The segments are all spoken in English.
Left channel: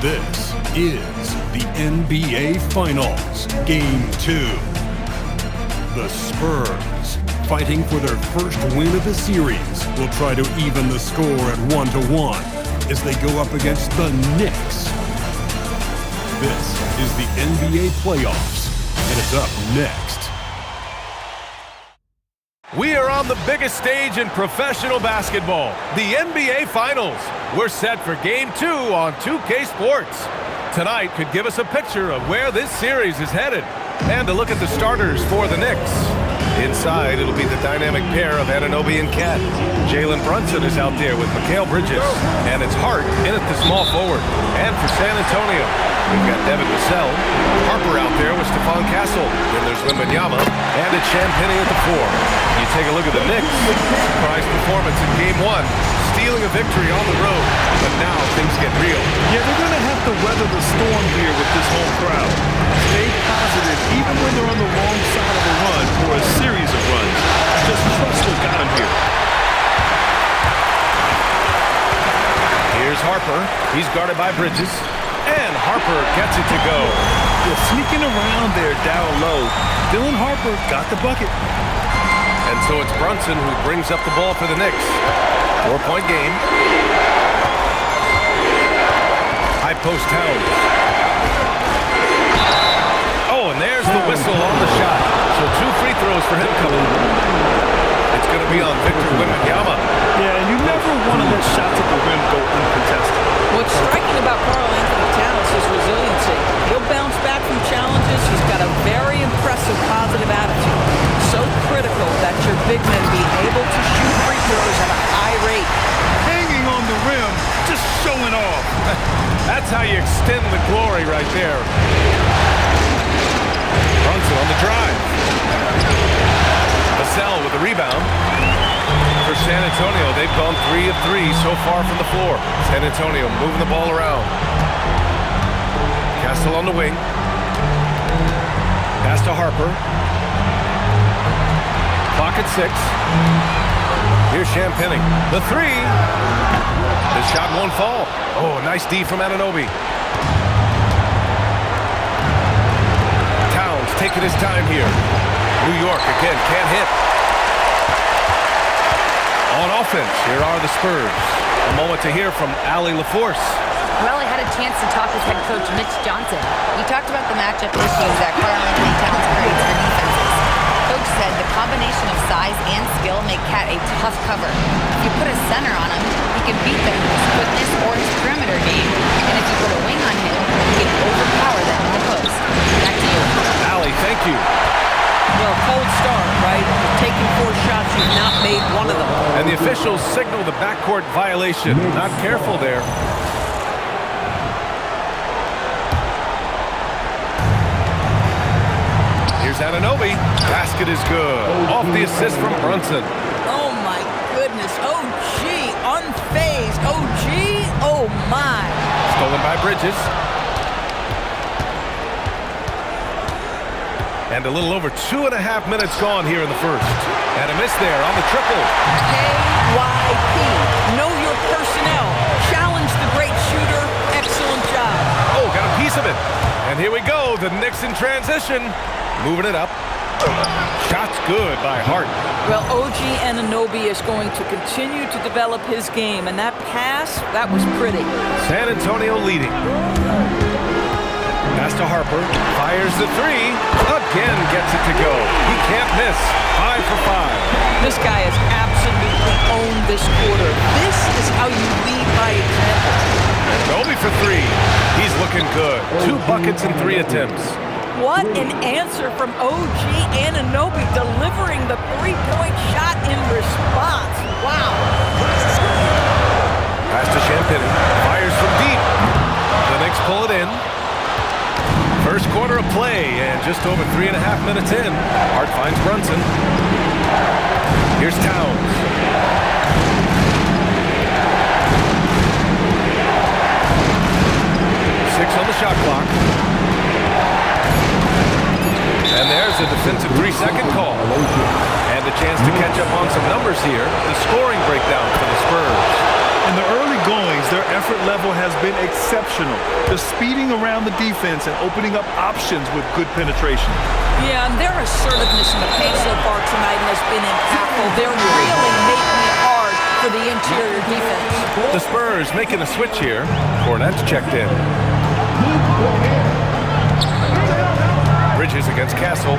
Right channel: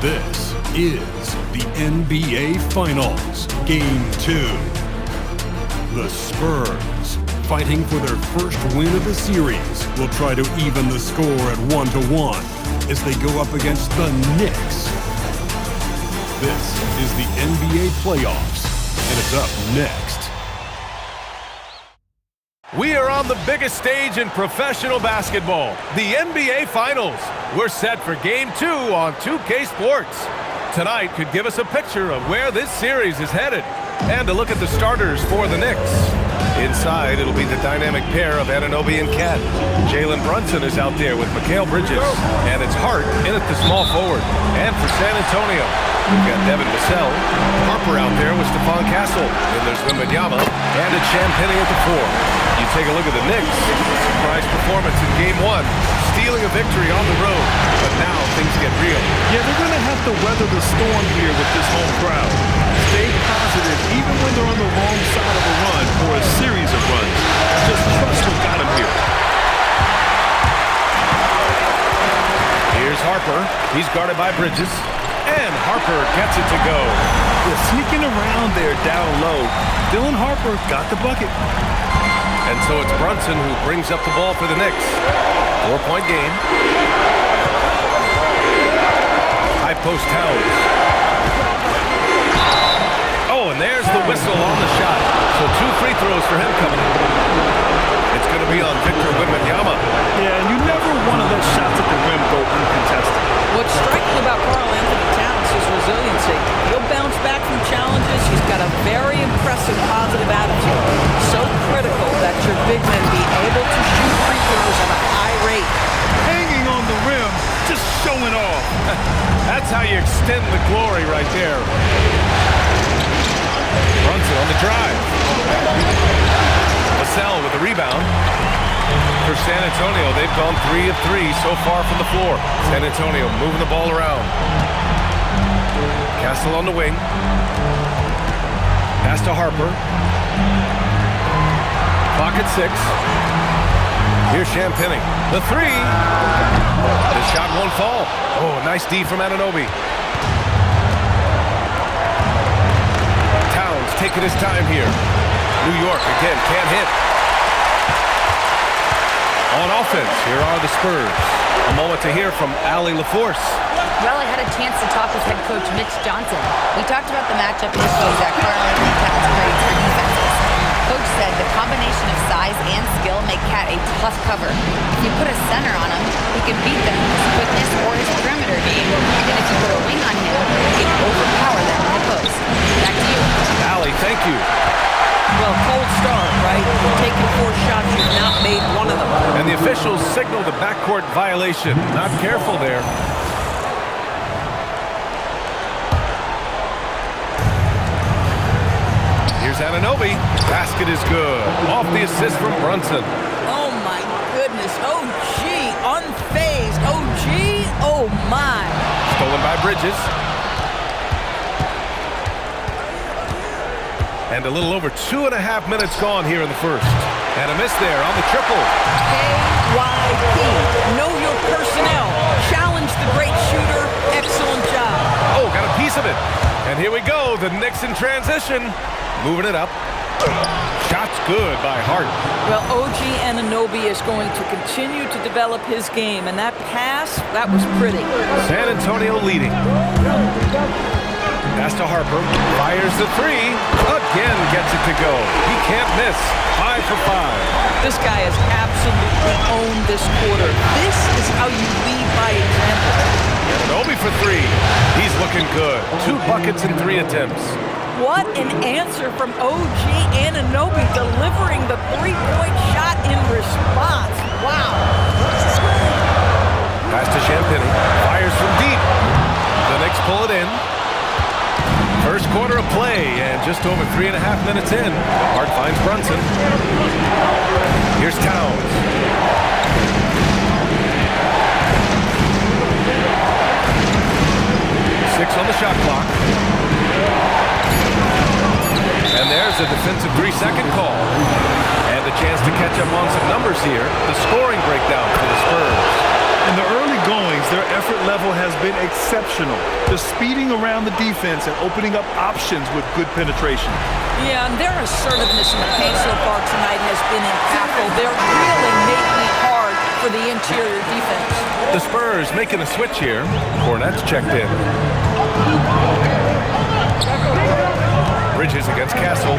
This is the NBA Finals, Game 2. The Spurs, fighting for their first win of the series, will try to even the score at 1-1 as they go up against the Knicks. This is the NBA playoffs, and it's up next. We are on the biggest stage in professional basketball, the NBA Finals. We're set for Game 2 on 2K Sports. Tonight could give us a picture of where this series is headed and a look at the starters for the Knicks. Inside, it'll be the dynamic pair of Anunoby and Cat. Jalen Brunson is out there with Mikal Bridges, and it's Hart in at the small forward. And for San Antonio, we've got Devin Vassell, Harper out there with Stephon Castle. Then there's Wembanyama, and it's Champagnie at the 4. You take a look at the Knicks. Surprise performance in Game 1, stealing a victory on the road. But now things get real. Yeah, they're going to have to weather the storm here with this home crowd. Stay positive even when they're on the wrong side of a run or a series of runs. Just trust what got them here. Here's Harper. He's guarded by Bridges. And Harper gets it to go. They're sneaking around there down low. Dylan Harper got the bucket. And so it's Brunson who brings up the ball for the Knicks. 4-point game. High post Towns. Oh, and there's the whistle on the shot. So 2 free throws for him coming. It's going to be on Victor Wembanyama. Yeah, and you never want to let shots at the rim go uncontested. What's striking about Karl-Anthony Towns is resiliency. He'll bounce back from challenges. He's got a very impressive positive attitude. So critical that your big men be able to shoot free throws at a high rate. Hanging on the rim, just showing off. That's how you extend the glory right there. Brunson on the drive. Vassell with the rebound. For San Antonio, they've gone 3 of 3 so far from the floor. San Antonio moving the ball around. Castle on the wing. Pass to Harper. Clock at 6. Here's Champagnie. The 3. The shot won't fall. Oh, nice D from Anunoby. Towns taking his time here. New York again can't hit. On offense, here are the Spurs. A moment to hear from Allie LaForce. Well, I had a chance to talk with head coach Mitch Johnson. We talked about the matchup issues that Karl-Anthony Towns creates for defenses. Coach said the combination of size and skill make Cat a tough cover. If you put a center on him, he can beat them with his quickness or his perimeter game. And if you put a wing on him, he can overpower them in the post. Back to you. Allie, thank you. Well, cold start, right? You're taking 4 shots, you've not made one of them. And the officials signal the backcourt violation. Not careful there. Here's Anunoby. Basket is good. Off the assist from Brunson. Oh, my goodness. Oh, gee. Unfazed. Oh, gee. Oh, my. Stolen by Bridges. And a little over 2.5 minutes gone here in the first. And a miss there on the triple. KYP. Know your personnel. Challenge the great shooter. Excellent job. Oh, got a piece of it. And here we go. The Knicks in transition. Moving it up. Shot's good by Hart. Well, OG Anunoby is going to continue to develop his game. And that pass, that was pretty. San Antonio leading. Pass to Harper, fires the 3, again gets it to go. He can't miss, 5 for 5. This guy has absolutely owned this quarter. This is how you lead by example. Anunoby for 3, he's looking good. 2 buckets in 3 attempts. What an answer from OG Anunoby, delivering the 3-point shot in response. Wow. Pass to Champagnie, fires from deep. The Knicks pull it in. First quarter of play, and just over 3.5 minutes in. Hart finds Brunson. Here's Towns. Six on the shot clock. And there's a defensive 3-second call. And a chance to catch up on some numbers here. The scoring breakdown for the Spurs. In the early goings, their effort level has been exceptional. They're speeding around the defense and opening up options with good penetration. Yeah, and their assertiveness in the paint so far tonight has been impactful. They're really making it hard for the interior defense. The Spurs making a switch here. Cornette's checked in. Bridges against Castle.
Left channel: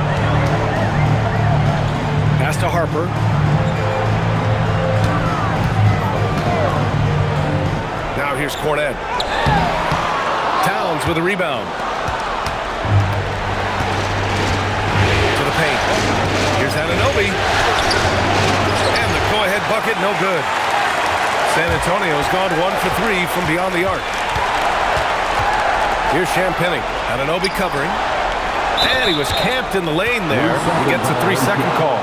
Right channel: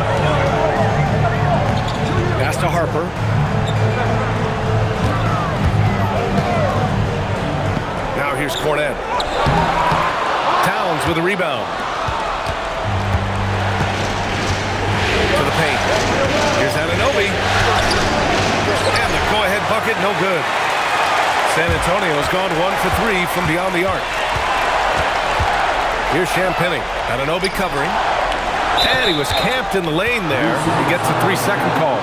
Pass to Harper. Now here's Cornette. Towns with a rebound. To the paint. Here's Anunoby. And the go-ahead bucket, no good. San Antonio's gone 1 for 3 from beyond the arc. Here's Champagnie. Anunoby covering. And he was camped in the lane there. He gets a 3-second call.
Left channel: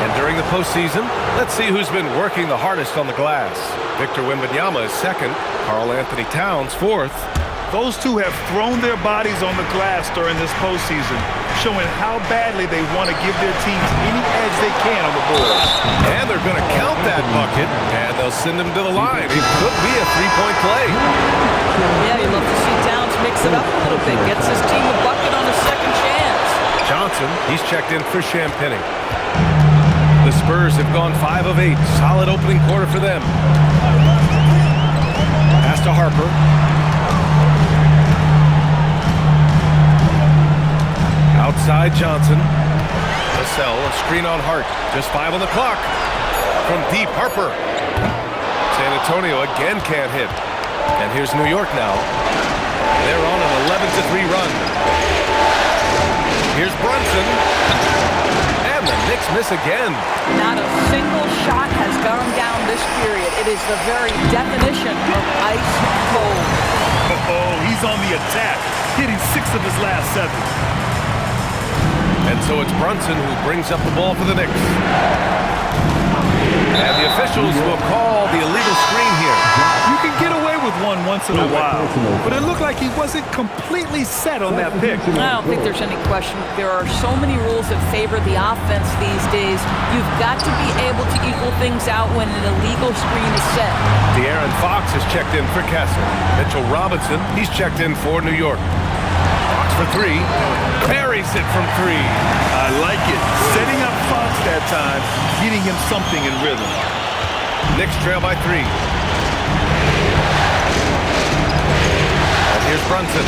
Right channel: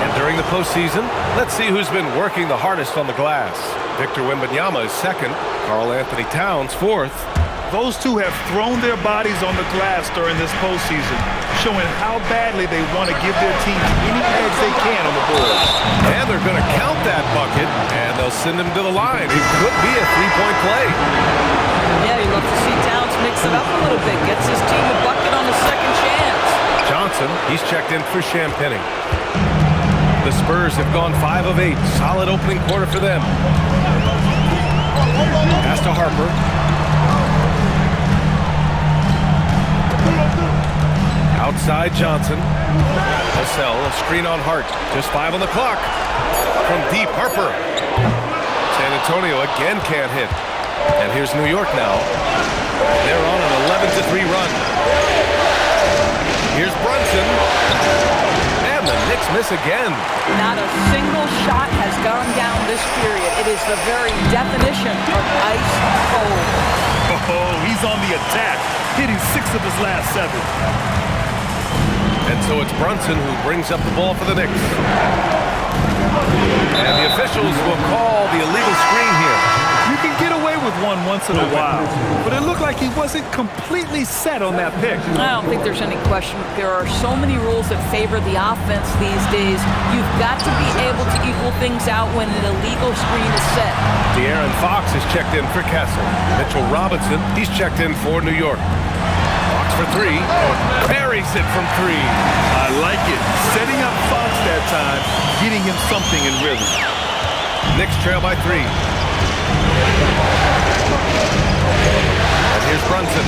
And during the postseason, let's see who's been working the hardest on the glass. Victor Wembanyama is second. Karl Anthony Towns fourth. Those two have thrown their bodies on the glass during this postseason, showing how badly they want to give their teams any edge they can on the boards. And they're going to count that bucket, and they'll send him to the line. It could be a three-point play. Yeah, you love to see Towns mix it up a little bit. Gets his team a bucket on a second chance. Johnson, he's checked in for Champagnie. The Spurs have gone 5 of 8. Solid opening quarter for them. Pass to Harper. Outside Johnson. Vassell, a screen on Hart. Just 5 on the clock. From deep, Harper. San Antonio again can't hit. And here's New York now. They're on an 11-3 run. Here's Brunson. And the Knicks miss again. Not a single shot has gone down this period. It is the very definition of ice cold. Oh, he's on the attack, hitting 6 of his last 7. And so it's Brunson who brings up the ball for the Knicks. And the officials will call the illegal screen here. You can get away with one once in a while, but it looked like he wasn't completely set on that pick. I don't think there's any question. There are so many rules that favor the offense these days. You've got to be able to equal things out when an illegal screen is set. De'Aaron Fox is checked in for Castle. Mitchell Robinson, he's checked in for New York. Fox for 3. Parries it from 3. I like it. Setting up Fox that time, getting him something in rhythm. Knicks trail by 3. And here's Brunson.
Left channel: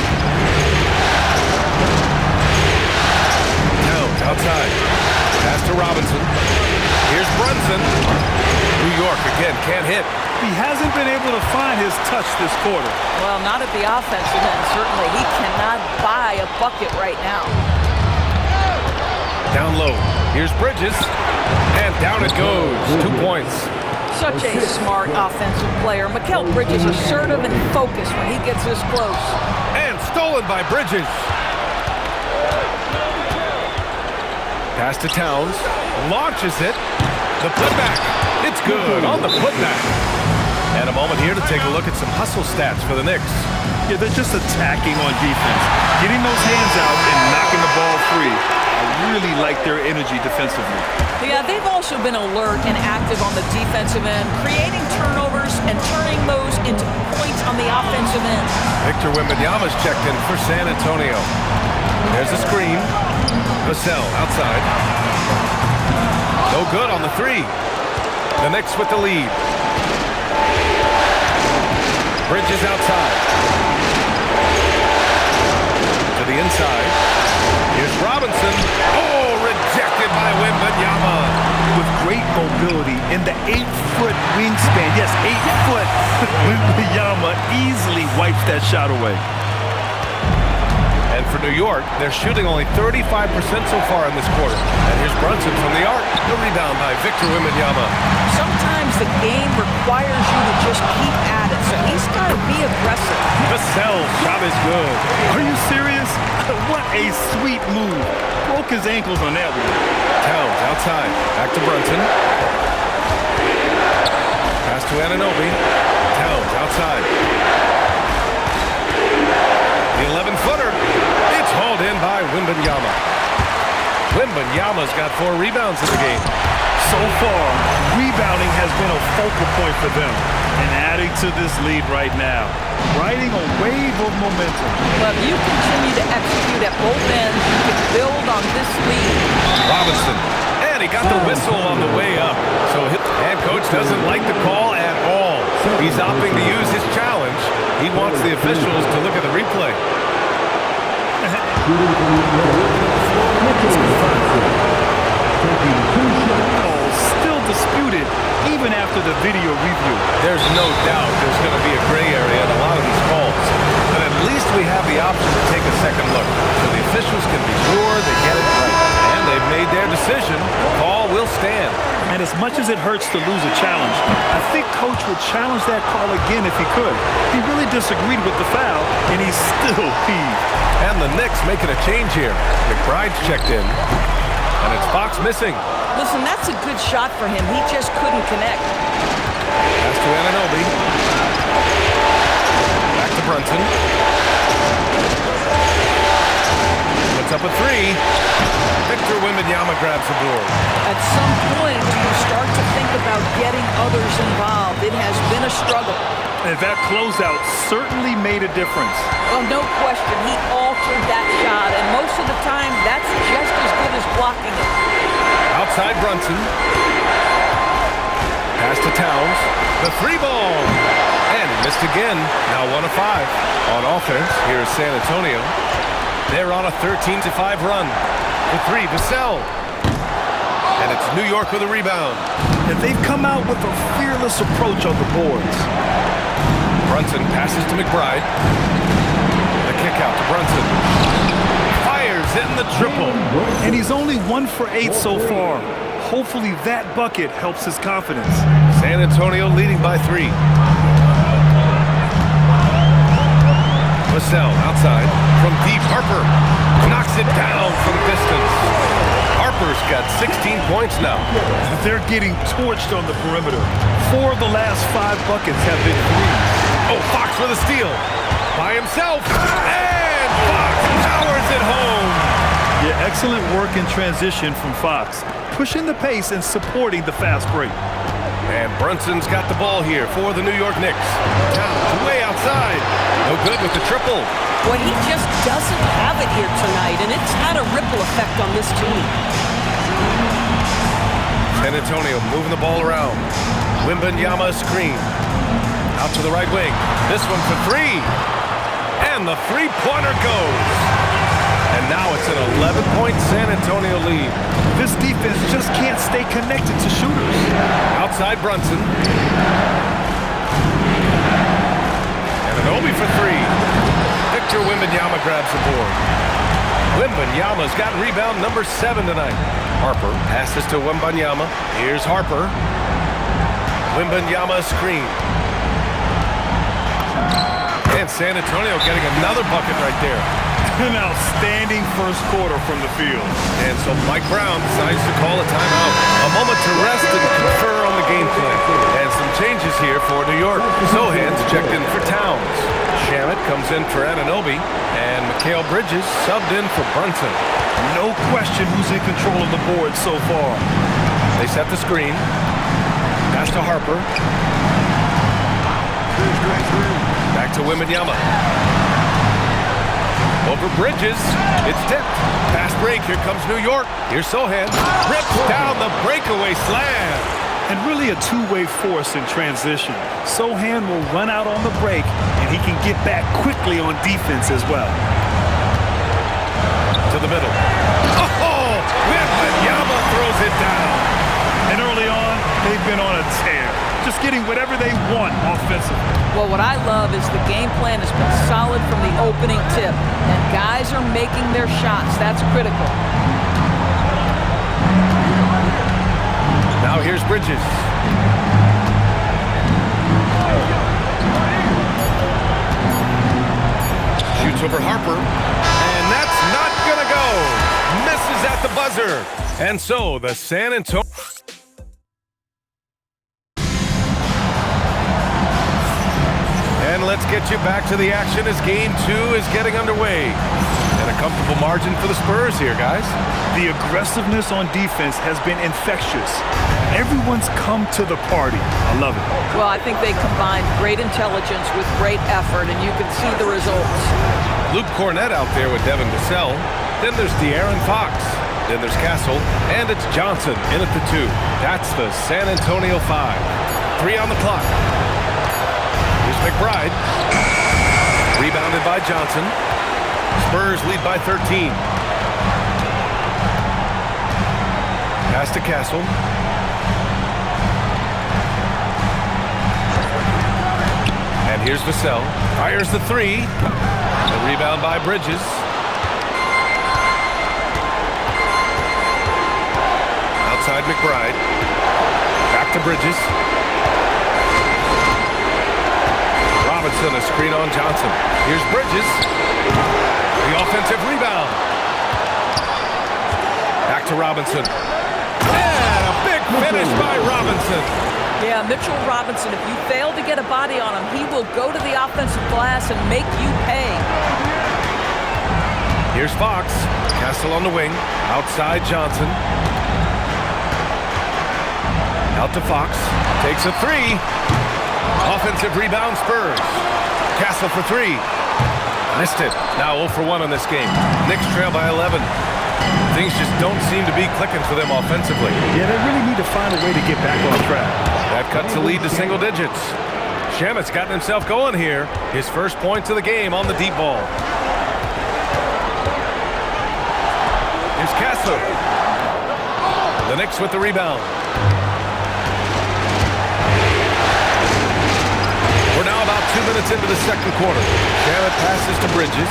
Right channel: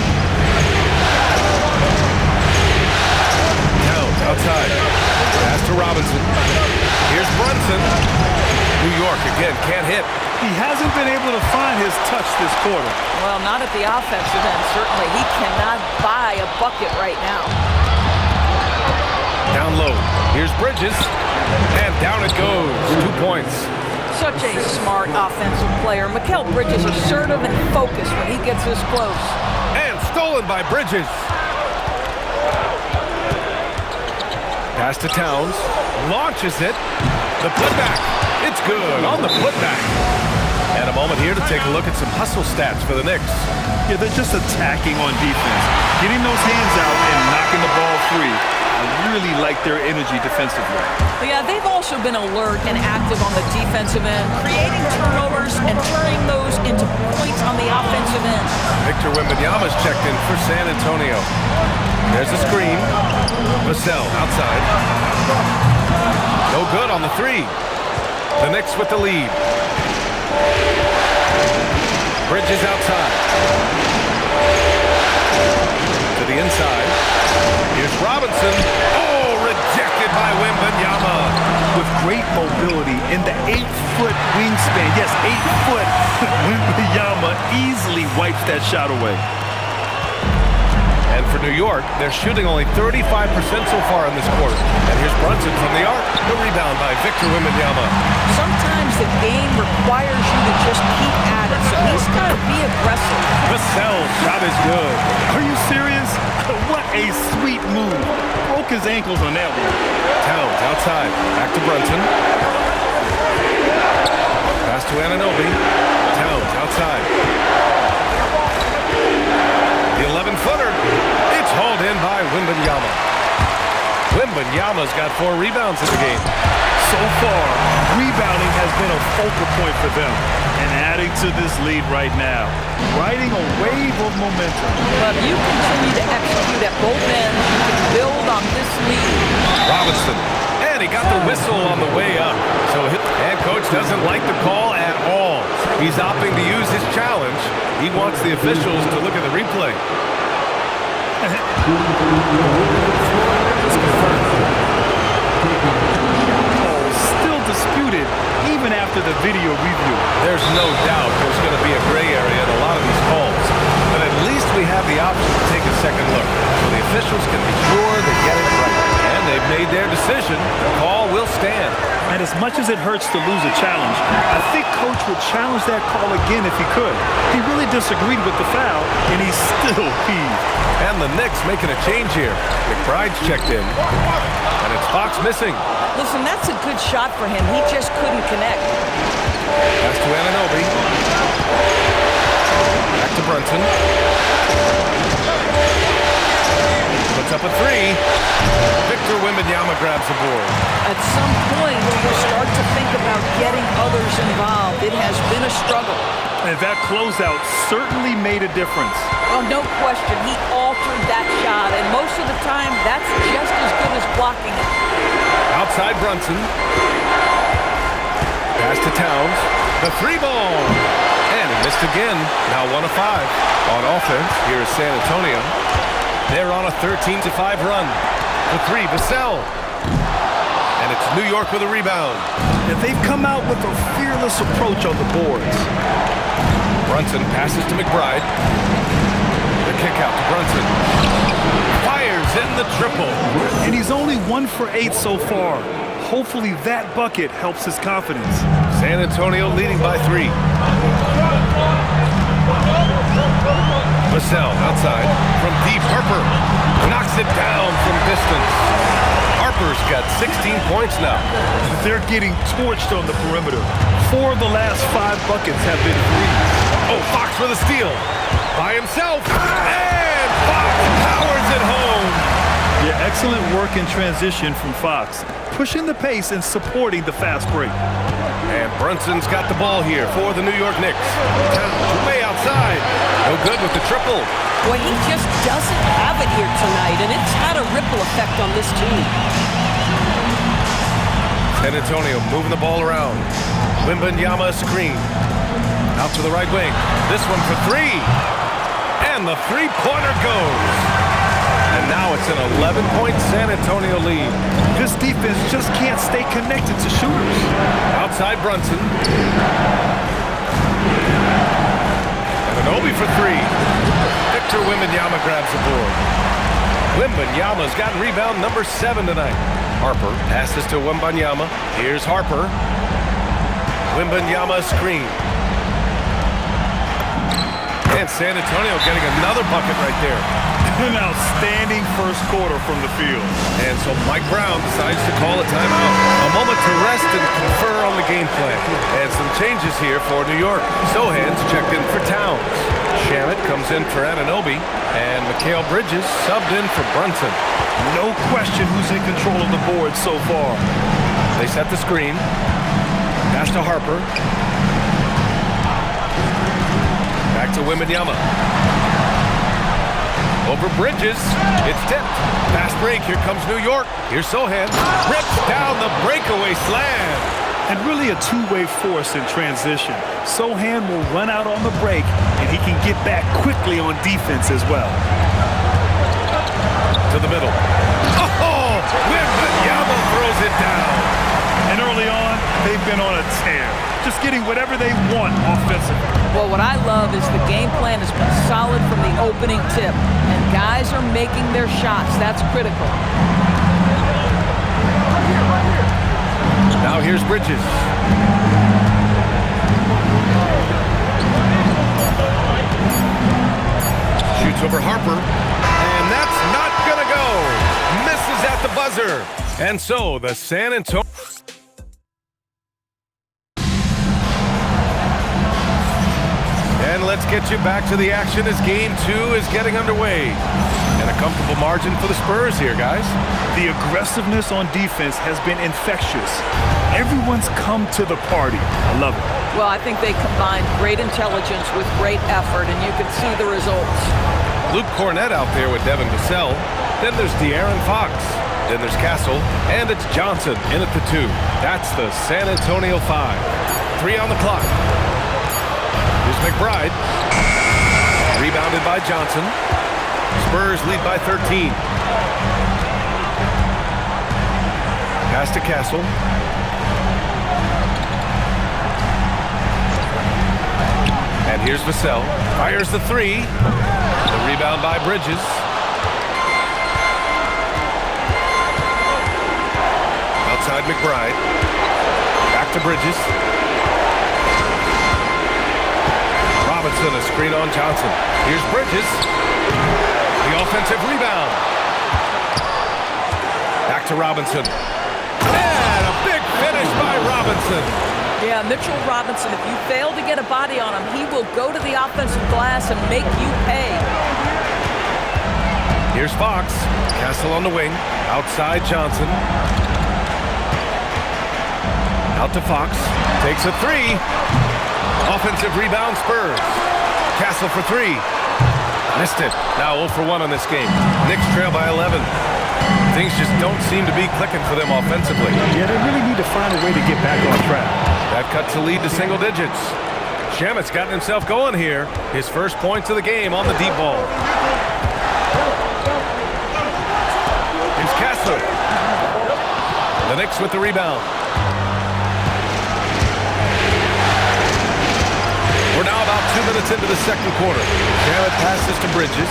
Towns outside. Pass to Robinson. Here's Brunson. New York again can't hit. He hasn't been able to find his touch this quarter. Well, not at the offensive end, certainly. He cannot buy a bucket right now. Down low. Here's Bridges. And down it goes. 2 points. Such a smart offensive player. Mikal Bridges assertive and focused when he gets this close. And stolen by Bridges. Pass to Towns. Launches it. The putback. It's good on the putback. And a moment here to take a look at some hustle stats for the Knicks. Yeah, they're just attacking on defense, getting those hands out and knocking the ball free. I really like their energy defensively. Yeah, they've also been alert and active on the defensive end, creating turnovers and turning those into points on the offensive end. Victor Wembanyama's checked in for San Antonio. There's a screen. Vassell outside. No good on the 3. The Knicks with the lead. Bridges outside. To the inside. Here's Robinson. Oh, rejected by Wembanyama. With great mobility in the 8-foot wingspan. Yes, 8 foot. Wembanyama easily wipes that shot away. And for New York, they're shooting only 35% so far in this quarter. And here's Brunson from the arc. The rebound by Victor Wembanyama. Sometimes the game requires you to just keep at it, so he's got to be aggressive. Vassell's shot is good. Are you serious? What a sweet move. Broke his ankles on that one. Towns outside. Back to Brunson. Pass to Anunoby. Towns outside. The 11-footer. It's hauled in by Wembanyama. Wembanyama's got 4 rebounds in the game. So far, rebounding has been a focal point for them. And adding to this lead right now, riding a wave of momentum. But if you continue to execute at both ends, you can build on this lead. Robinson, and he got the whistle on the way up. And coach doesn't like the call at all. He's opting to use his challenge. He wants the officials to look at the replay. It's confirmed. Still disputed even after the video review. There's no doubt there's going to be a gray area in a lot of these calls. But at least we have the option to take a second look so the officials can be sure they get it right. And they've made their decision. The call will stand. And as much as it hurts to lose a challenge, I think Coach would challenge that call again if he could. He really disagreed with the foul, and he's still peeved. And the Knicks making a change here. McBride's checked in, and it's Fox missing. Listen, that's a good shot for him. He just couldn't connect. Pass to Anunoby. Back to Brunson. Puts up a three. Victor Wembanyama grabs the board. At some point, do you start to think about getting others involved? It has been a struggle. And that closeout certainly made a difference. Well, no question. He altered that shot, and most of the time, that's just as good as blocking it. Outside Brunson. Pass to Towns. The three ball. And he missed again. Now 1 of 5. On offense, here is San Antonio. They're on a 13-5 run. The three, Vassell. And it's New York with a rebound. And they've come out with a fearless approach on the boards. Brunson passes to McBride. The kick out to Brunson. Fires in the triple. And he's only 1 for 8 so far. Hopefully that bucket helps his confidence. San Antonio leading by 3. Vassell outside from deep. Harper knocks it down from distance. Harper's got 16 points now. They're getting torched on the perimeter. 4 of the last 5 buckets have been threes. Oh, Fox with a steal. By himself. And Fox powers it home. Yeah, excellent work in transition from Fox. Pushing the pace and supporting the fast break. And Brunson's got the ball here for the New York Knicks. Towns way outside. No good with the triple. Well, he just doesn't have it here tonight, and it's had a ripple effect on this team. San Antonio moving the ball around. Wembanyama screen. Out to the right wing. This one for 3. And the three-pointer goes. And now it's an 11-point San Antonio lead. This defense just can't stay connected to shooters. Outside Brunson. And Anunoby for 3. Victor Wembanyama grabs the board. Wembanyama's got rebound number 7 tonight. Harper passes to Wembanyama. Here's Harper. Wembanyama screen. And San Antonio getting another bucket right there. An outstanding first quarter from the field. And so Mike Brown decides to call a timeout. A moment to rest and confer on the game plan. And some changes here for New York. Sohan's checked in for Towns. Shamet comes in for Anunoby. And Mikal Bridges subbed in for Brunson. No question who's in control of the board so far. They set the screen. Pass to Harper. Back to Wembanyama. Over Bridges. It's tipped. Fast break. Here comes New York. Here's Sohan. Rips down the breakaway slam. And really a two-way force in transition. Sohan will run out on the break, and he can get back quickly on defense as well. To the middle. Oh! Wembanyama throws it down. And early on, they've been on a tear. Just getting whatever they want offensively. Well, what I love is the game plan has been solid from the opening tip. And guys are making their shots. That's critical. Now here's Bridges. Shoots over Harper. And that's not gonna go. Misses at the buzzer. And so the San Antonio... And let's get you back to the action as Game 2 is getting underway. And a comfortable margin for the Spurs here, guys. The aggressiveness on defense has been infectious. Everyone's come to the party. I love it. Well, I think they combined great intelligence with great effort, and you can see the results. Luke Cornett out there with Devin Vassell. Then there's De'Aaron Fox. Then there's Castle, and it's Johnson in at the 2. That's the San Antonio 5. 3 on the clock. Here's McBride. Rebounded by Johnson. Spurs lead by 13. Pass to Castle. And here's Vassell. Fires the 3. The rebound by Bridges. Outside McBride. Back to Bridges. Robinson, a screen on Johnson. Here's Bridges. The offensive rebound. Back to Robinson. And a big finish by Robinson. Yeah, Mitchell Robinson, if you fail to get a body on him, he will go to the offensive glass and make you pay. Here's Fox. Castle on the wing. Outside Johnson. Out to Fox. Takes a 3. Offensive rebound Spurs. Castle for 3. Missed it. Now 0 for 1 on this game. Knicks trail by 11. Things just don't seem to be clicking for them offensively. Yeah, they really need to find a way to get back on track. That cuts the lead to single digits. Shamet's gotten himself going here. His first points of the game on the deep ball. Here's Castle. The Knicks with the rebound. We're now about 2 minutes into the second quarter. Shamet passes to Bridges.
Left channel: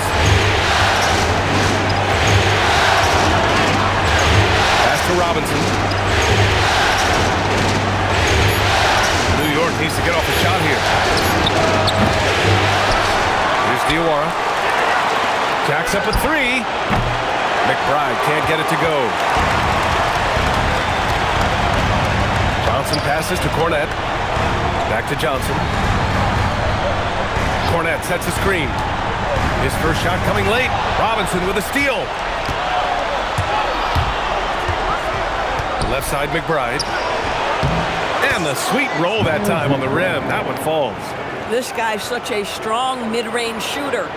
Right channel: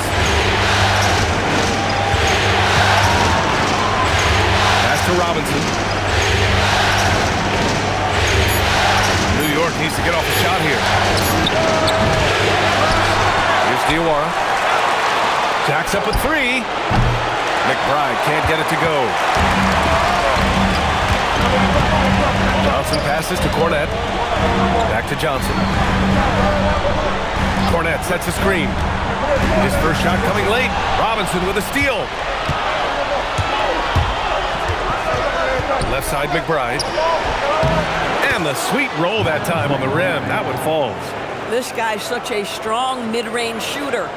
Pass to Robinson. New York needs to get off a shot here. Here's Diawara. Jacks up a 3. McBride can't get it to go. Johnson passes to Cornett. Back to Johnson. Cornett sets a screen. His first shot coming late. Robinson with a steal. Left side McBride. And the sweet roll that time on the rim. That one falls. This guy's such a strong mid-range shooter.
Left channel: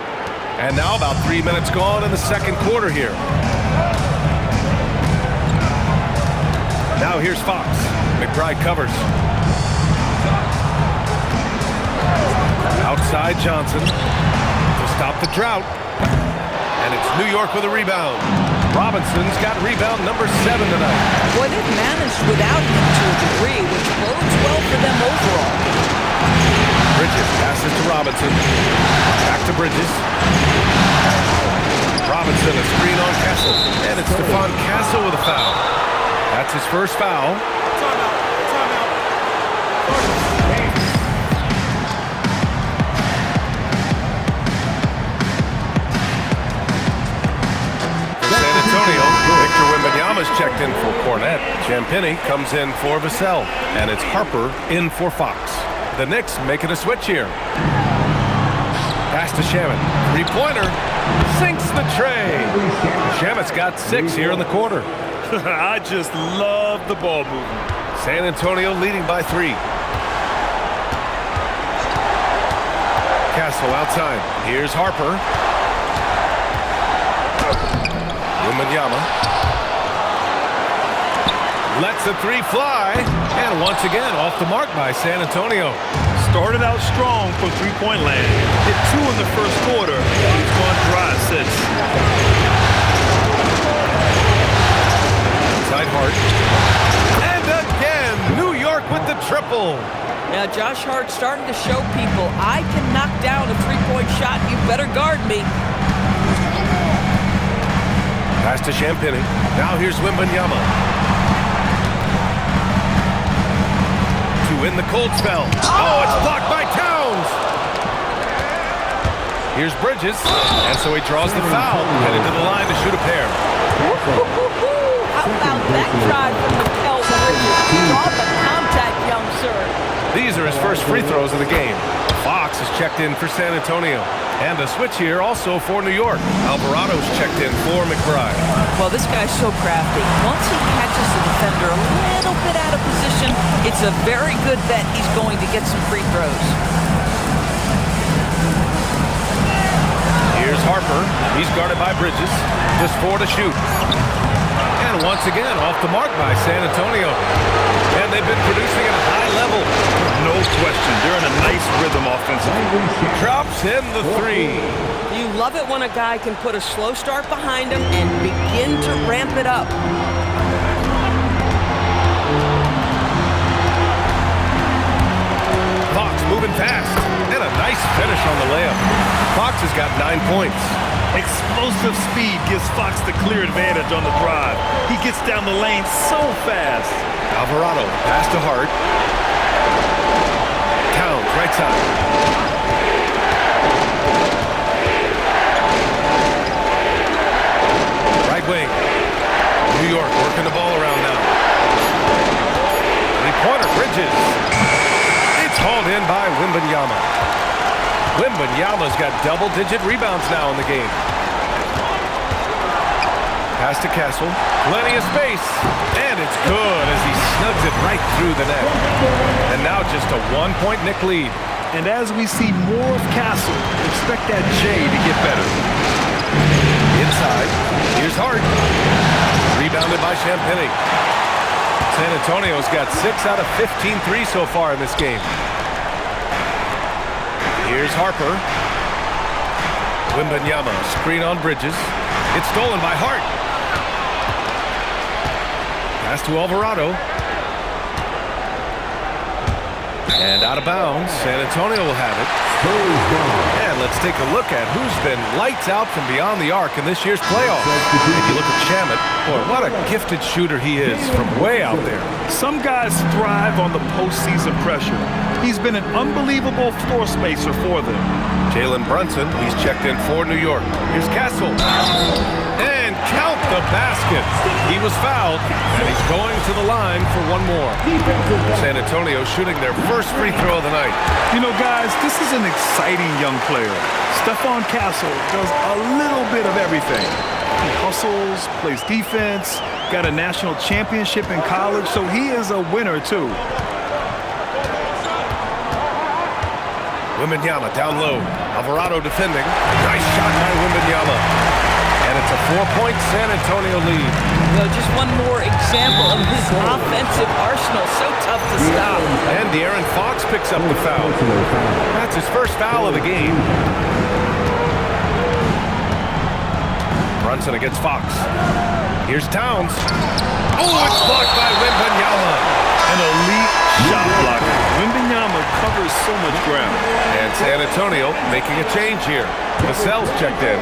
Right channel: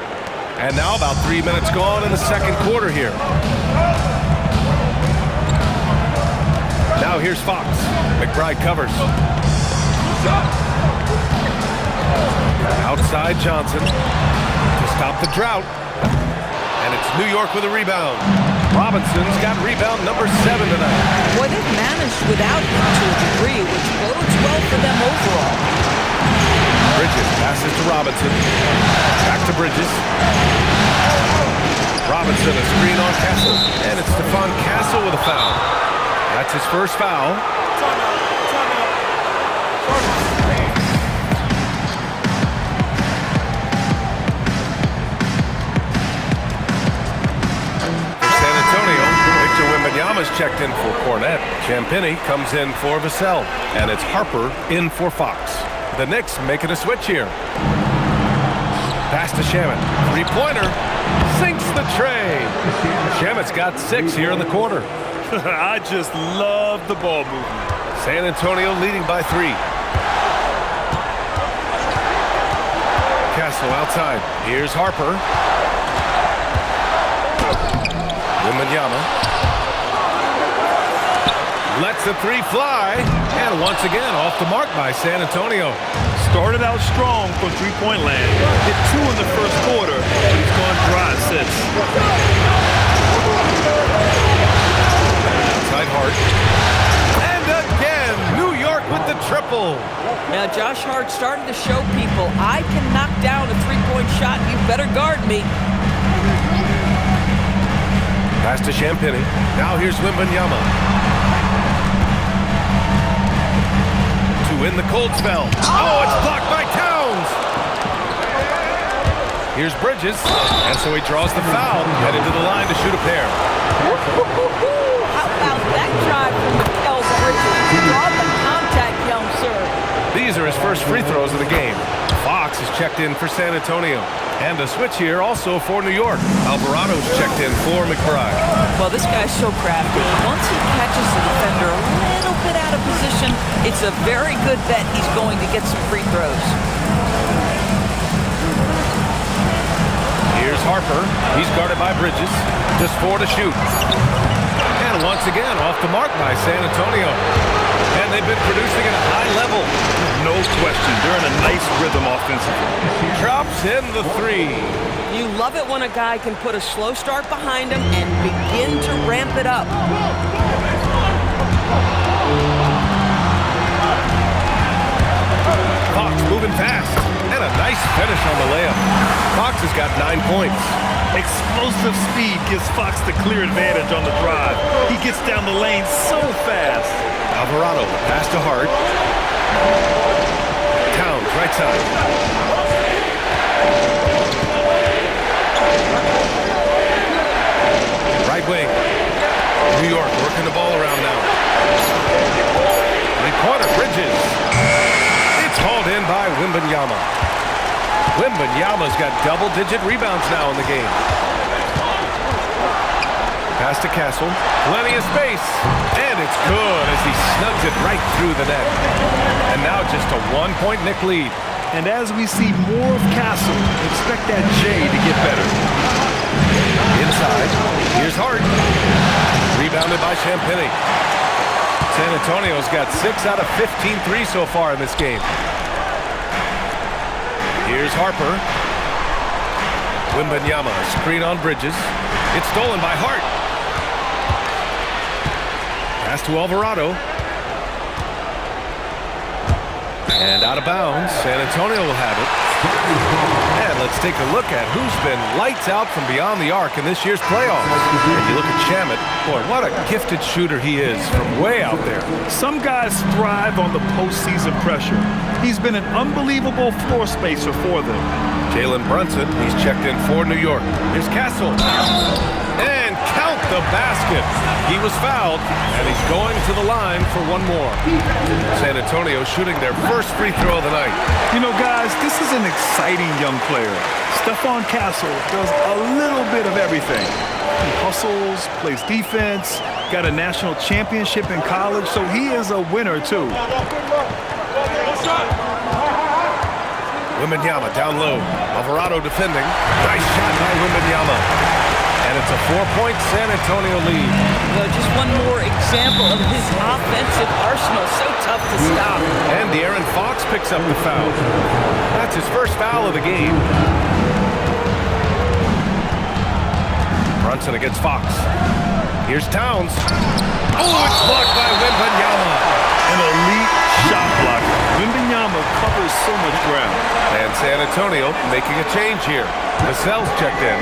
And now about 3 minutes gone in the second quarter here. Now here's Fox. McBride covers. Outside Johnson to stop the drought. And it's New York with a rebound. Robinson's got rebound number 7 tonight. Boy, they've managed without him to a degree, which bodes well for them overall. Bridges passes to Robinson. Back to Bridges. Robinson, a screen on Castle. And it's Stephon Castle with a foul. That's his first foul. Timeout. Victor Wembanyama's checked in for Cornett. Champagnie comes in for Vassell. And it's Harper in for Fox. The Knicks making a switch here. Pass to Shamet. Three-pointer. Sinks the tray. Shamet's got 6 here in the quarter. I just love the ball movement. San Antonio leading by 3. Castle outside. Here's Harper. Wembanyama lets the 3 fly, and once again off the mark by San Antonio. Started out strong from three-point land. Hit 2 in the first quarter, but he's gone dry since. Outside Hart. And again, New York with the triple. Now Josh Hart starting to show people, I can knock down a 3-point shot. You better guard me. Pass to Champagnie. Now here's Wembanyama. To win the cold spell. Oh, it's blocked by Towns. Here's Bridges. And so he draws the foul. Headed to the line to shoot a pair. How about that drive from Mikal Bridges? Draw the contact, young sir. These are his first free throws of the game. Fox is checked in for San Antonio. And a switch here also for New York. Alvarado's checked in for McBride. Well, this guy's so crafty. Once he catches the defender a little bit out of position, it's a very good bet he's going to get some free throws. Here's Harper. He's guarded by Bridges. Just 4 to shoot. And once again, off the mark by San Antonio. And they've been producing at a high level. No question. They're in a nice rhythm offensively. Drops in the 3. You love it when a guy can put a slow start behind him and begin to ramp it up. Fox moving fast. And a nice finish on the layup. Fox has got 9 points. Explosive speed gives Fox the clear advantage on the drive. He gets down the lane so fast. Alvarado, pass to Hart. Towns, right side. Right wing. New York working the ball around now. Three-pointer, Bridges. It's hauled in by Wembanyama. Wembanyama's got double-digit rebounds now in the game. Pass to Castle. Plenty of space. And it's good as he snugs it right through the net. And now just a 1-point Knick lead. And as we see more of Castle, expect that J to get better. Inside. Here's Hart. Rebounded by Champagny. San Antonio's got 6 out of 15 threes so far in this game. Here's Harper. Wembanyama, screen on Bridges. It's stolen by Hart. Pass to Alvarado. And out of bounds. San Antonio will have it. And let's take a look at who's been lights out from beyond the arc in this year's playoffs. And you look at Shamet. Boy, what a gifted shooter he is from way out there. Some guys thrive on the postseason pressure. He's been an unbelievable floor spacer for them. Jalen Brunson, he's checked in for New York. Here's Castle. And count the basket. He was fouled, and he's going to the line for one more. San Antonio shooting their first free throw of the night. You know, guys, this is an exciting young player. Stephon Castle does a little bit of everything. He hustles, plays defense, got a national championship in college, so he is a winner, too. Wembanyama down low. Alvarado defending. Nice shot by Wembanyama. And it's a 4-point San Antonio lead. Well, just one more example of his offensive arsenal. So tough to stop. And De'Aaron Fox picks up the foul. That's his first foul of the game. Brunson against Fox. Here's Towns. Oh, it's blocked by Wembanyama. An elite shot blocker. Wembanyama covers so much ground. And San Antonio making a change here. Vassell's checked in.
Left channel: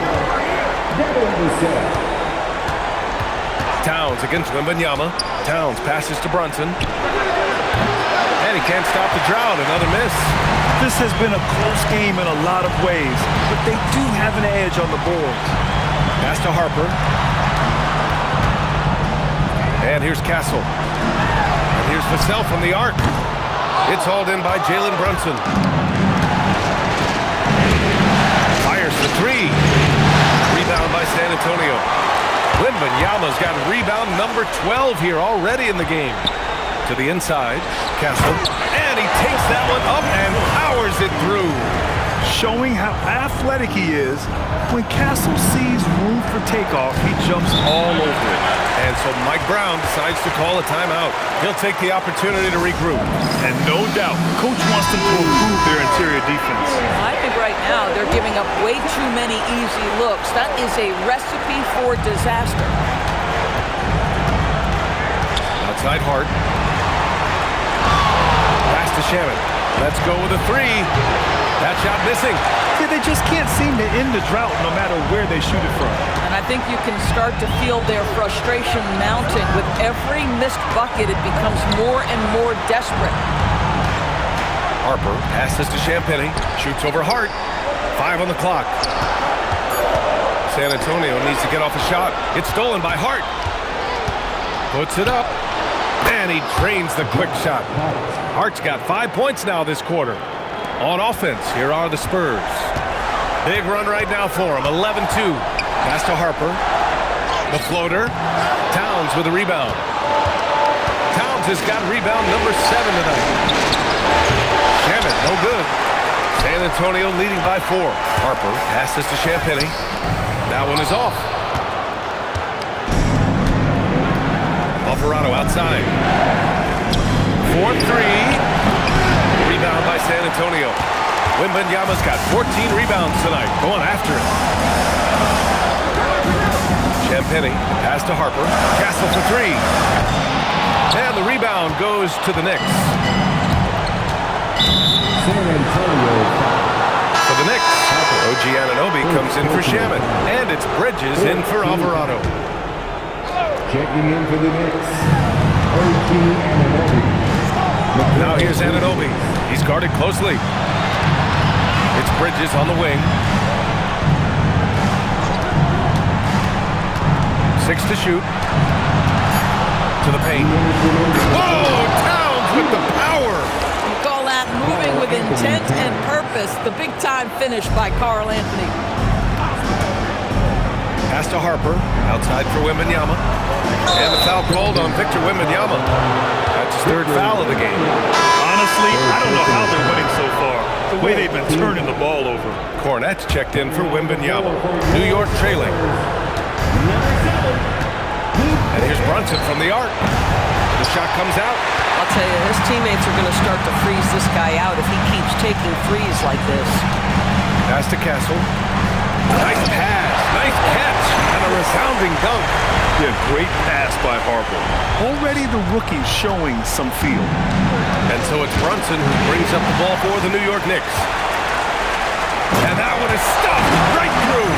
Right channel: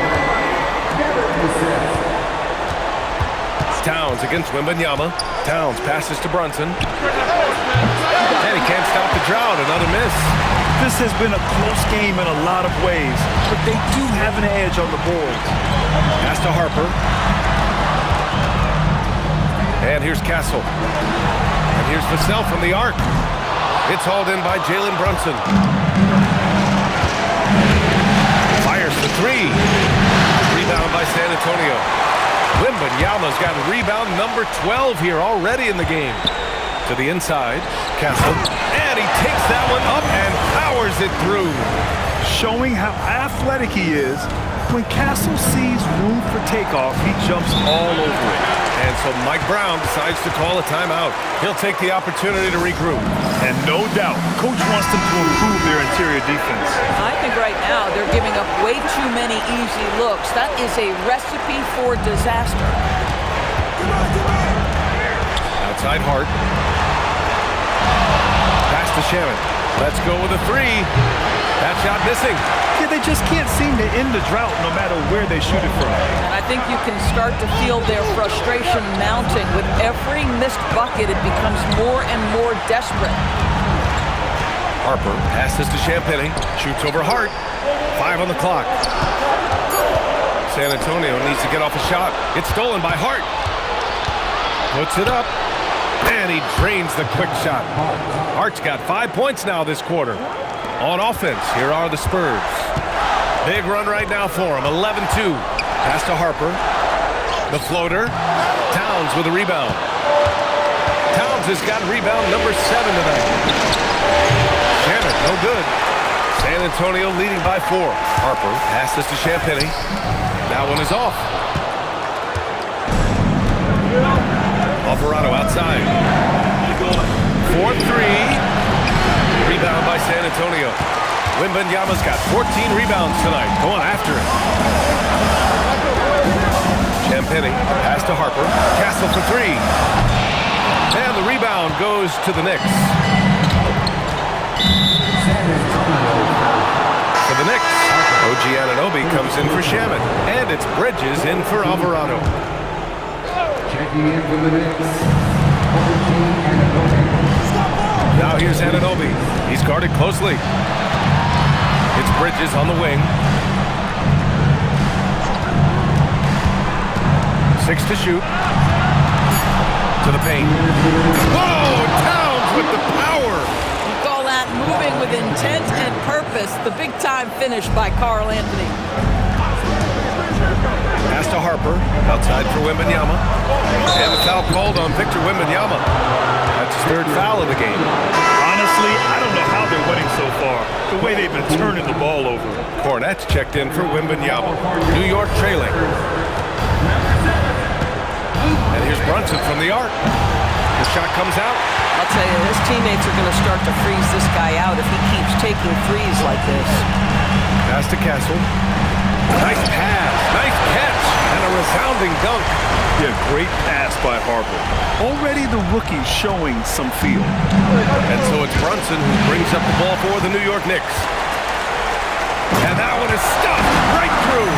Towns against Wembanyama. Towns passes to Brunson. And he can't stop the drought. Another miss. This has been a close game in a lot of ways, but they do have an edge on the boards. Pass to Harper. And here's Castle. And here's Vassell from the arc. It's hauled in by Jalen Brunson. Fires the 3. Rebound by San Antonio. Wembanyama's got rebound number 12 here already in the game. To the inside, Castle. And he takes that one up and powers it through. Showing how athletic he is. When Castle sees room for takeoff, he jumps all over it. And so Mike Brown decides to call a timeout. He'll take the opportunity to regroup. And no doubt, Coach wants them to improve their interior defense. I think right now they're giving up way too many easy looks. That is a recipe for disaster. Outside Hart. Pass to Shamet. Let's go with a 3. That shot missing. Yeah, they just can't seem to end the drought no matter where they shoot it from. And I think you can start to feel their frustration mounting. With every missed bucket, it becomes more and more desperate. Harper passes to Champagny. Shoots over Hart. 5 on the clock. San Antonio needs to get off a shot. It's stolen by Hart. Puts it up. And he drains the quick shot. Hart's got 5 points now this quarter. On offense, here are the Spurs. Big run right now for him. 11-2. Pass to Harper. The floater. Towns with a rebound. Towns has got rebound number 7 tonight. Shamet, no good. San Antonio leading by 4. Harper passes to Champagnie. That one is off. Alvarado outside. 4-3. Rebound by San Antonio. Wembanyama's got 14 rebounds tonight. Going after it. Champagnie, pass to Harper. Castle for 3. And the rebound goes to the Knicks. For the Knicks, OG Anunoby comes in for Shamet. And it's Bridges in for Alvarado. Checking in for the Knicks, OG Anunoby. Now here's Anunoby. He's guarded closely. It's Bridges on the wing. 6 to shoot. To the paint. Whoa! Towns with the power! You call that moving with intent and purpose. The big-time finish by Karl Anthony. Pass to Harper. Outside for Wembanyama. And the foul called on Victor Wembanyama. That's his 3rd foul of the game. Honestly, I don't know how they're winning so far. The way they've been turning the ball over. Cornette's checked in for Wembanyama. New York trailing. And here's Brunson from the arc. The shot comes out. I'll tell you, his teammates are going to start to freeze this guy out if he keeps taking threes like this. Pass to Castle. Nice pass. Nice catch. And a resounding dunk. Yeah, great pass by Harper. Already the rookie showing some feel. And so it's Brunson who brings up the ball for the New York Knicks. And that one is stuffed right through.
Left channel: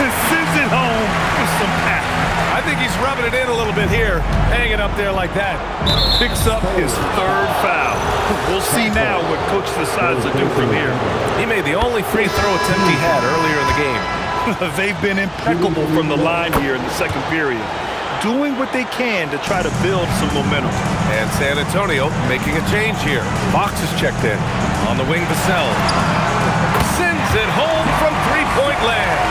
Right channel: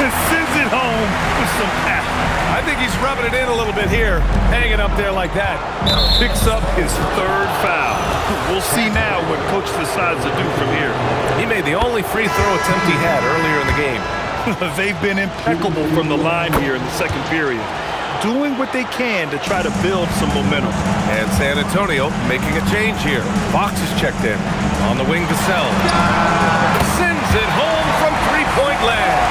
And sends it home with some passion. I think he's rubbing it in a little bit here. Hanging up there like that. Picks up his 3rd foul. We'll see now what coach decides to do from here. He made the only free throw attempt he had earlier in the game. They've been impeccable from the line here in the 2nd period, doing what they can to try to build some momentum. And San Antonio making a change here. Fox is checked in. On the wing, Vassell. Sends it home from 3-point land.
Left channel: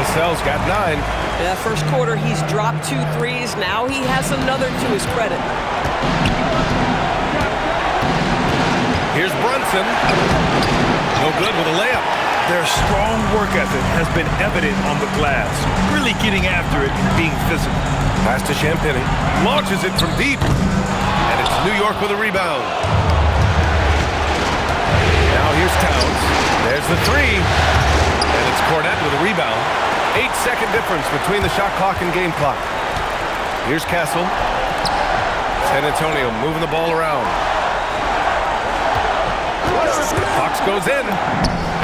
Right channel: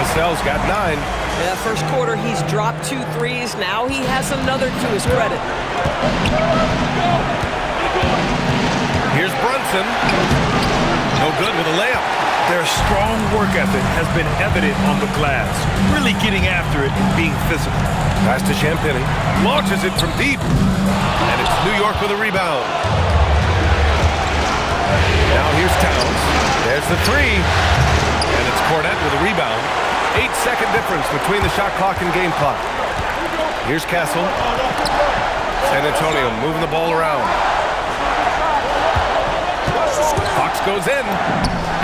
Vassell's got 9. Yeah, first quarter, he's dropped 2 threes. Now he has another to his credit. Here's Brunson. No good with a layup. Their strong work ethic has been evident on the glass, really getting after it and being physical. Pass to Champagnie. Launches it from deep. And it's New York with a rebound. Now here's Towns. There's the 3. And it's Cornette with a rebound. 8-second difference between the shot clock and game clock. Here's Castle. San Antonio moving the ball around. Fox goes in.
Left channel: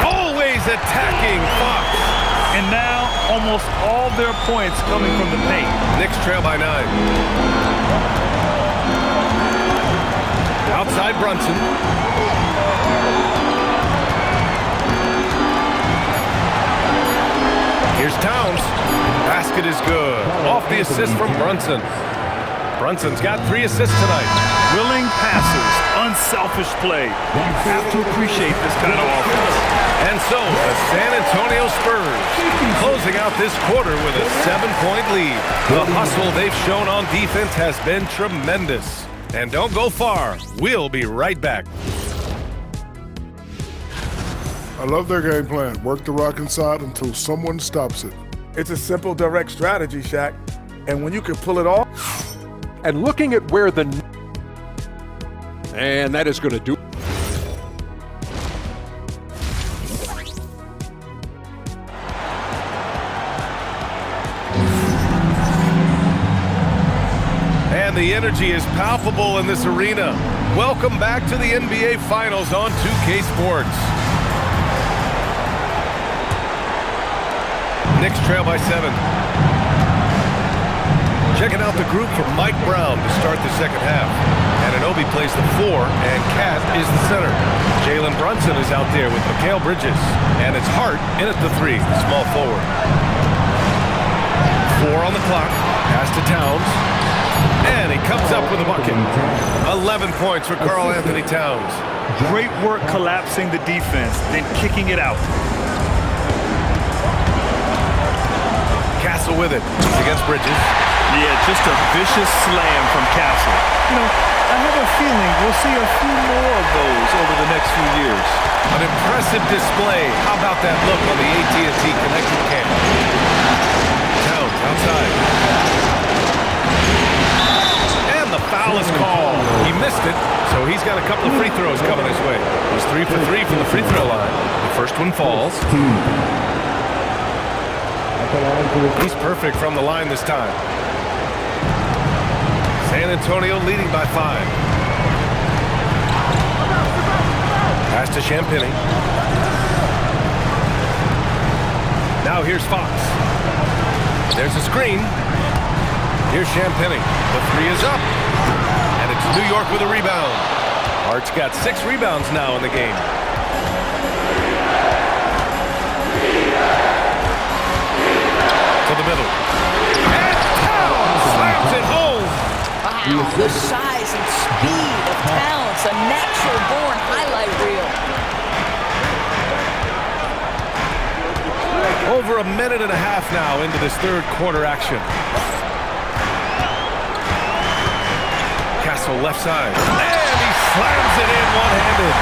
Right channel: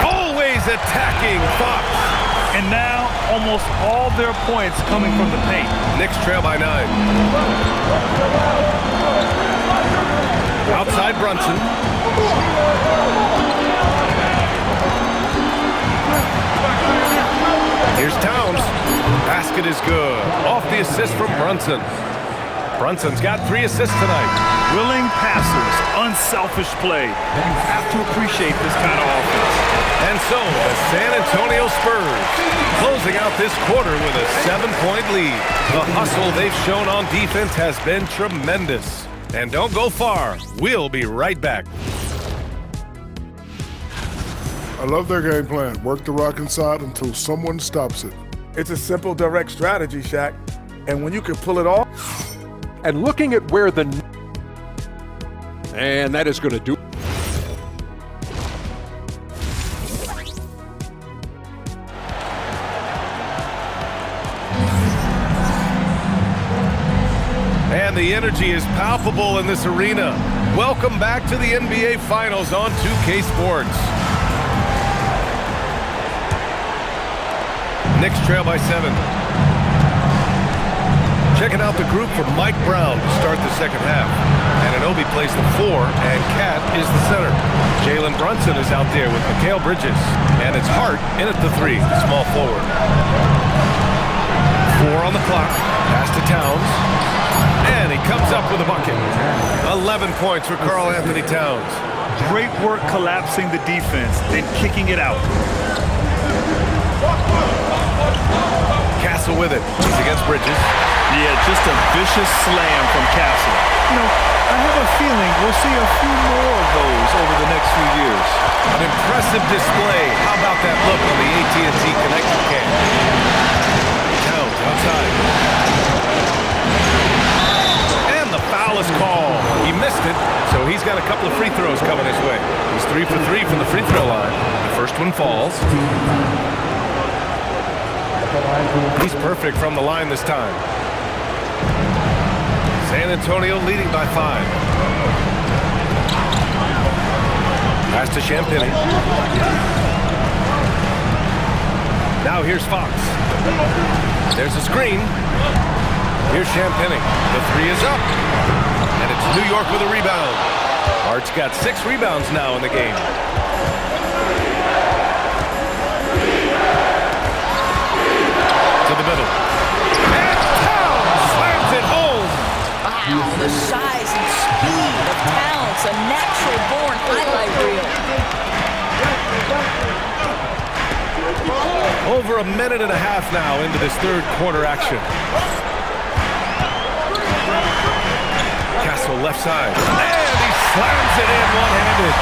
Always attacking Fox. And now almost all their points coming from the paint. Knicks trail by 9. Outside Brunson. Here's Towns. Basket is good. Off the assist from Brunson. Brunson's got 3 assists tonight. Willing passers, unselfish play. You have to appreciate this kind of offense. And so the San Antonio Spurs closing out this quarter with a 7-point lead. The hustle they've shown on defense has been tremendous. And don't go far. We'll be right back. I love their game plan. Work the rock inside until someone stops it. It's a simple, direct strategy, Shaq. And when you can pull it off. And looking at where the... And that is going to do... And the energy is palpable in this arena. Welcome back to the NBA Finals on 2K Sports. Knicks trail by 7. Checking out the group for Mike Brown to start the second half. Anunoby plays the 4, and Cat is the center. Jalen Brunson is out there with Mikal Bridges. And it's Hart in at the 3, the small forward. 4 on the clock. Pass to Towns. And he comes up with a bucket. 11 points for Karl Anthony Towns. Great work collapsing the defense, then kicking it out. Castle with it. He's against Bridges. Yeah, just a vicious slam from Castle. You know, I have a feeling we'll see a few more of those over the next few years. An impressive display. How about that look on the AT&T connected cam? Towns outside. And the foul is called. He missed it, so he's got a couple of free throws coming his way. He's 3 for 3 from the free throw line. The first one falls. He's perfect from the line this time. San Antonio leading by 5. Pass to Champagny. Now here's Fox. There's a screen. Here's Champagny. The 3 is up. And it's New York with a rebound. Hart's got 6 rebounds now in the game. To the middle. And Towns slams it home. Wow, the size and speed of Towns, a natural-born highlight reel. Over a minute and a half now into this third quarter action. Castle left side. And he slams it in one-handed.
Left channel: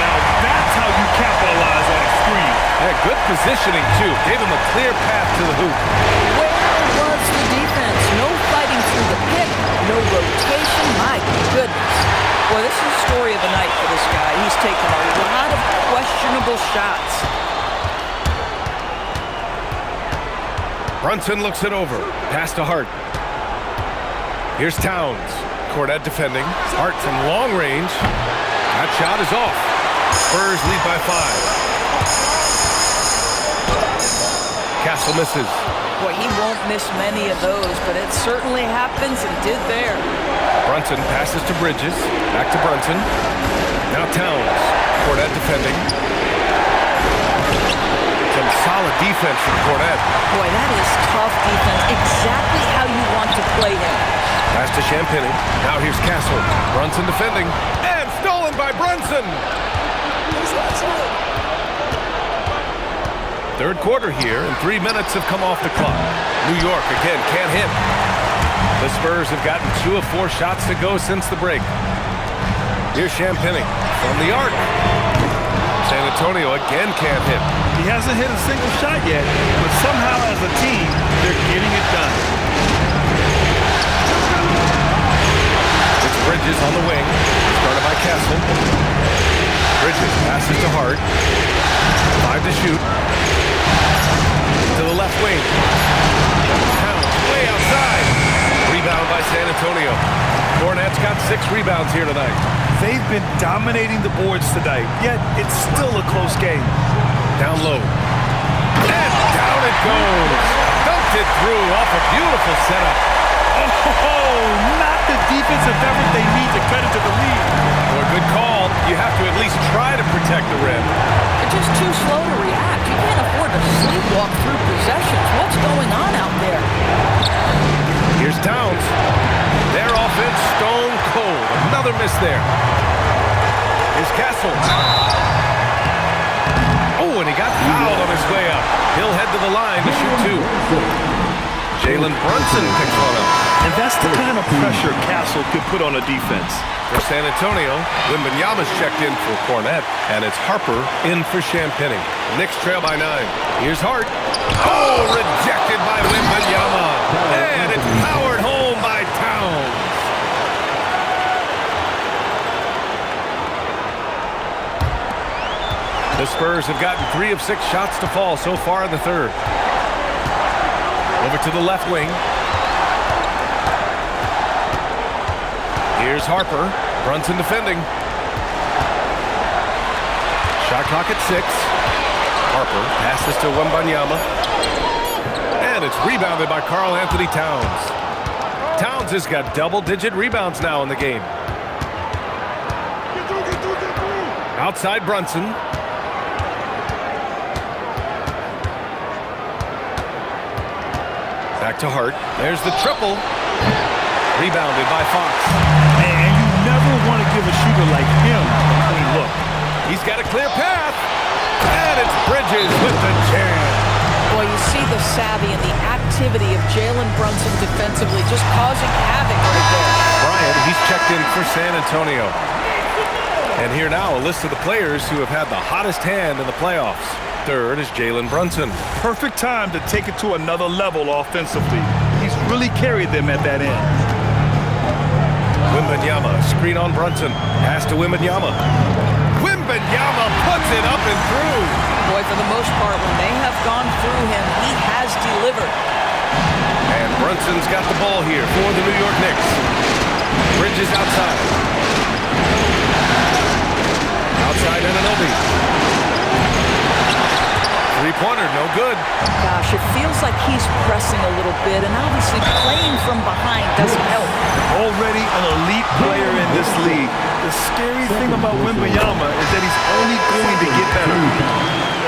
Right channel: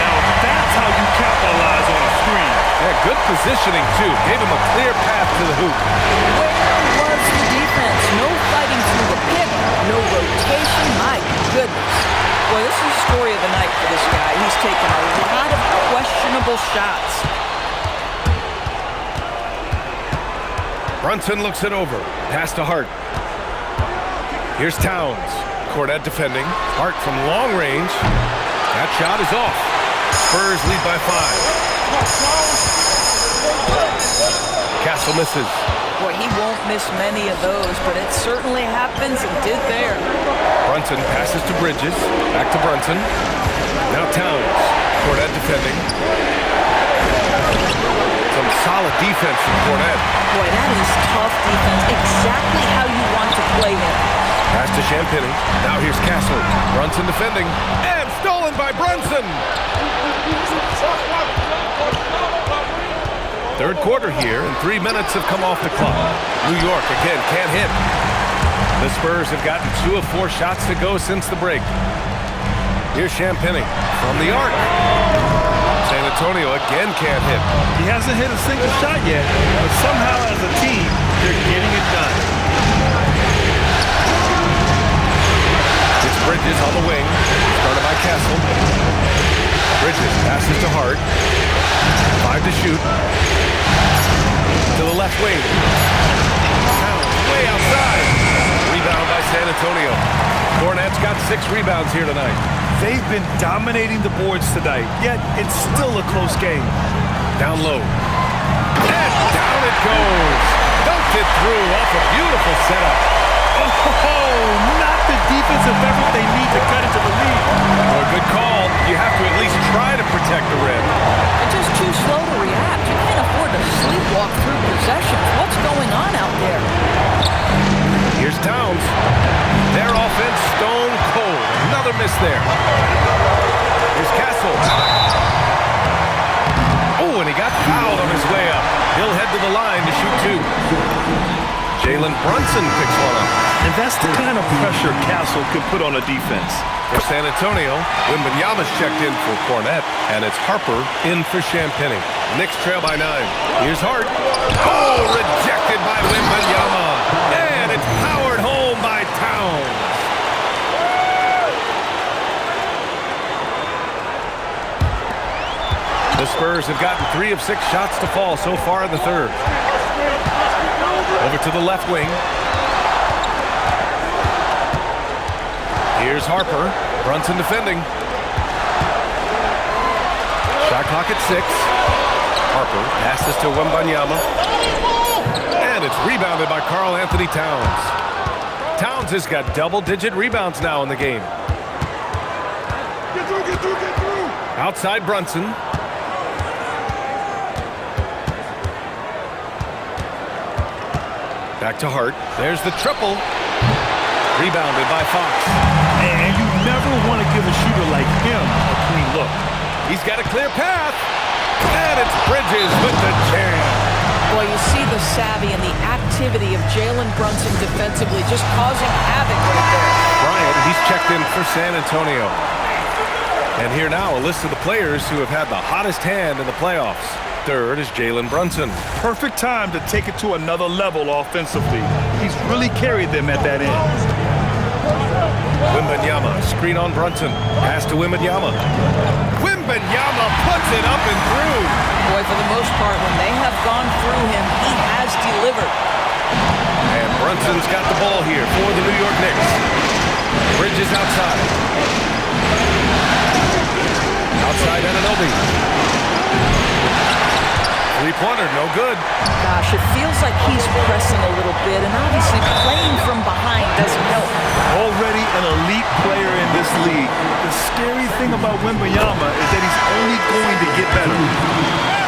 Now that's how you capitalize on a screen. Yeah, good positioning, too. Gave him a clear path to the hoop. Where was the defense? No fighting through the pick, no rotation. My goodness. Boy, this is the story of the night for this guy. He's taken a lot of questionable shots. Brunson looks it over. Pass to Hart. Here's Towns. Cornette defending. Hart from long range. That shot is off. Spurs lead by 5. Castle misses. Boy, he won't miss many of those, but it certainly happens and did there. Brunson passes to Bridges. Back to Brunson. Now Towns. Cornette defending. Some solid defense from Cornette. Boy, that is tough defense. Exactly how you want to play him. Pass to Champagny. Now here's Castle. Brunson defending. And stolen by Brunson. Third quarter here, and 3 minutes have come off the clock. New York, again, can't hit. The Spurs have gotten 2 of 4 shots to go since the break. Here's Champagny from the arc. San Antonio again can't hit. He hasn't hit a single shot yet, but somehow as a team, they're getting it done. It's Bridges on the wing, started by Castle. Bridges passes to Hart. 5 to shoot. To the left wing. Towns way outside. Rebound by San Antonio. Cornette's got 6 rebounds here tonight. They've been dominating the boards tonight, yet it's still a close game. Down low. And down it goes. Dunked it through off a beautiful setup. Oh, not the defensive effort they need to cut into the lead. Boy, good call. You have to at least try to protect the rim. They're just too slow to react. You can't afford to sleepwalk through possessions. What's going on out there? Here's Towns. Their offense stone cold. Another miss there. Here's Castle. Oh, and he got fouled on his way up. He'll head to the line to shoot 2. Jalen Brunson picks one up. And that's the kind of pressure Castle can put on a defense. For San Antonio, Wembanyama's checked in for Cornette, and it's Harper in for Champagny. Knicks trail by 9. Here's Hart. Oh, rejected by Wembanyama. And it's powered home by Towns. The Spurs have gotten 3 of 6 shots to fall so far in the third. Over to the left wing. Here's Harper. Brunson defending. Shot clock at 6. Harper passes to Wembanyama. And it's rebounded by Karl Anthony Towns. Towns has got double-digit rebounds now in the game. Get through, get through, get through. Outside Brunson. Back to Hart. There's the triple. Rebounded by Fox. And you never want to give a shooter like him a clean look. He's got a clear path. And it's Bridges with the jam. Boy, you see the savvy and the activity of Jalen Brunson defensively, just causing havoc right there. Bryant, he's checked in for San Antonio. And here now, a list of the players who have had the hottest hand in the playoffs. Third is Jalen Brunson. Perfect time to take it to another level offensively. He's really carried them at that end. Wembanyama, screen on Brunson. Pass to Wembanyama. Wembanyama puts it up and through. Boy, for the most part, when they have gone through him, he has delivered. And Brunson's got the ball here for the New York Knicks. Bridges outside. Outside Anunoby. Three-pointer, no good. Gosh, it feels like he's pressing a little bit, and obviously playing from behind doesn't help. Already an elite player in this league. The scary thing about Wembanyama is that he's only going to get better.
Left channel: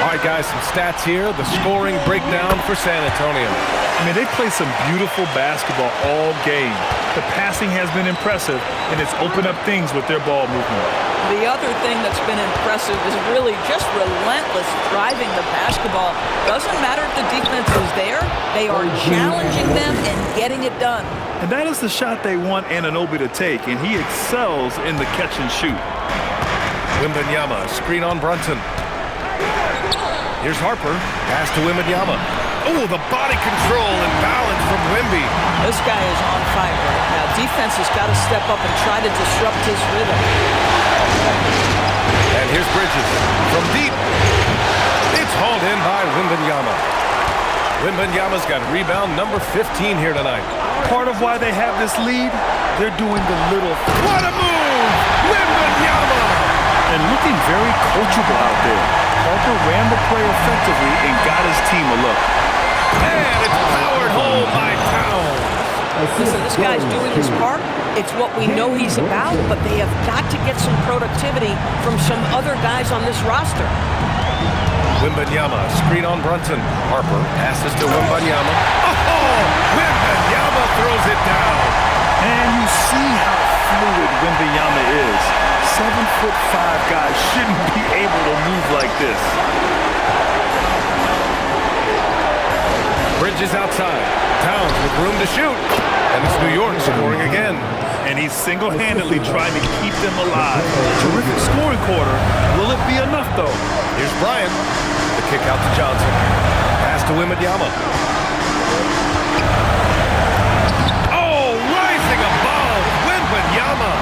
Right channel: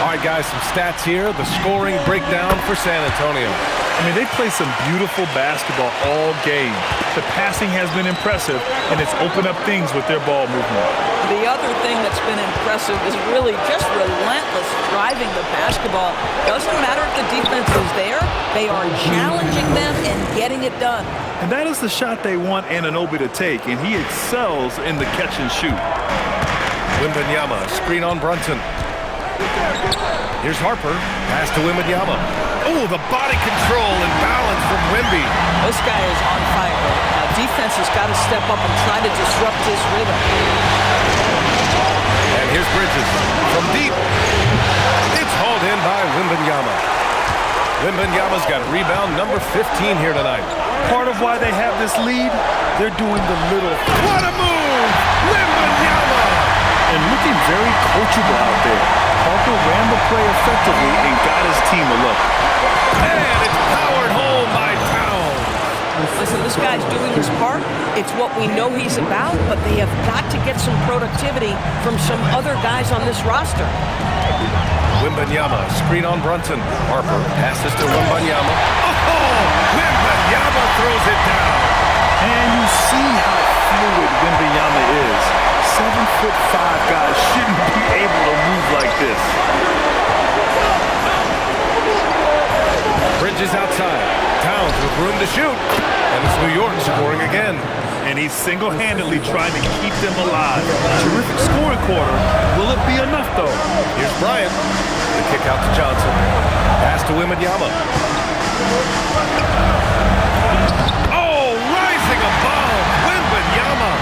All right, guys, some stats here. The scoring breakdown for San Antonio. I mean, they play some beautiful basketball all game. The passing has been impressive, and it's opened up things with their ball movement. The other thing that's been impressive is really just relentless driving the basketball. Doesn't matter if the defense is there, they are challenging them and getting it done. And that is the shot they want Anunoby to take, and he excels in the catch and shoot. Wembanyama, screen on Brunson. Here's Harper, pass to Wembanyama. Oh, the body control and balance from Wemby. This guy is on fire right now. Defense has got to step up and try to disrupt his rhythm. And here's Bridges from deep. It's hauled in by Wembanyama. Wembanyama's got rebound number 15 here tonight. Part of why they have this lead, they're doing the little. What a move! Wembanyama! And looking very coachable out there. Harper ran the play effectively and got his team a look. And it's powered home by Towns. Listen, this guy's doing his part. It's what we know he's about, but they have got to get some productivity from some other guys on this roster. Wembanyama, screen on Brunson. Harper passes to Wembanyama. Oh, Wembanyama throws it down. And you see how fluid Wembanyama is. 7'5" guys shouldn't be able to move like this. Bridges outside. Towns with room to shoot. And it's New York scoring again. And he's single-handedly trying to keep them alive. Terrific scoring quarter. Will it be enough, though? Here's Bryant. The kick out to Johnson. Pass to Wembanyama. Oh, rising above. Wembanyama.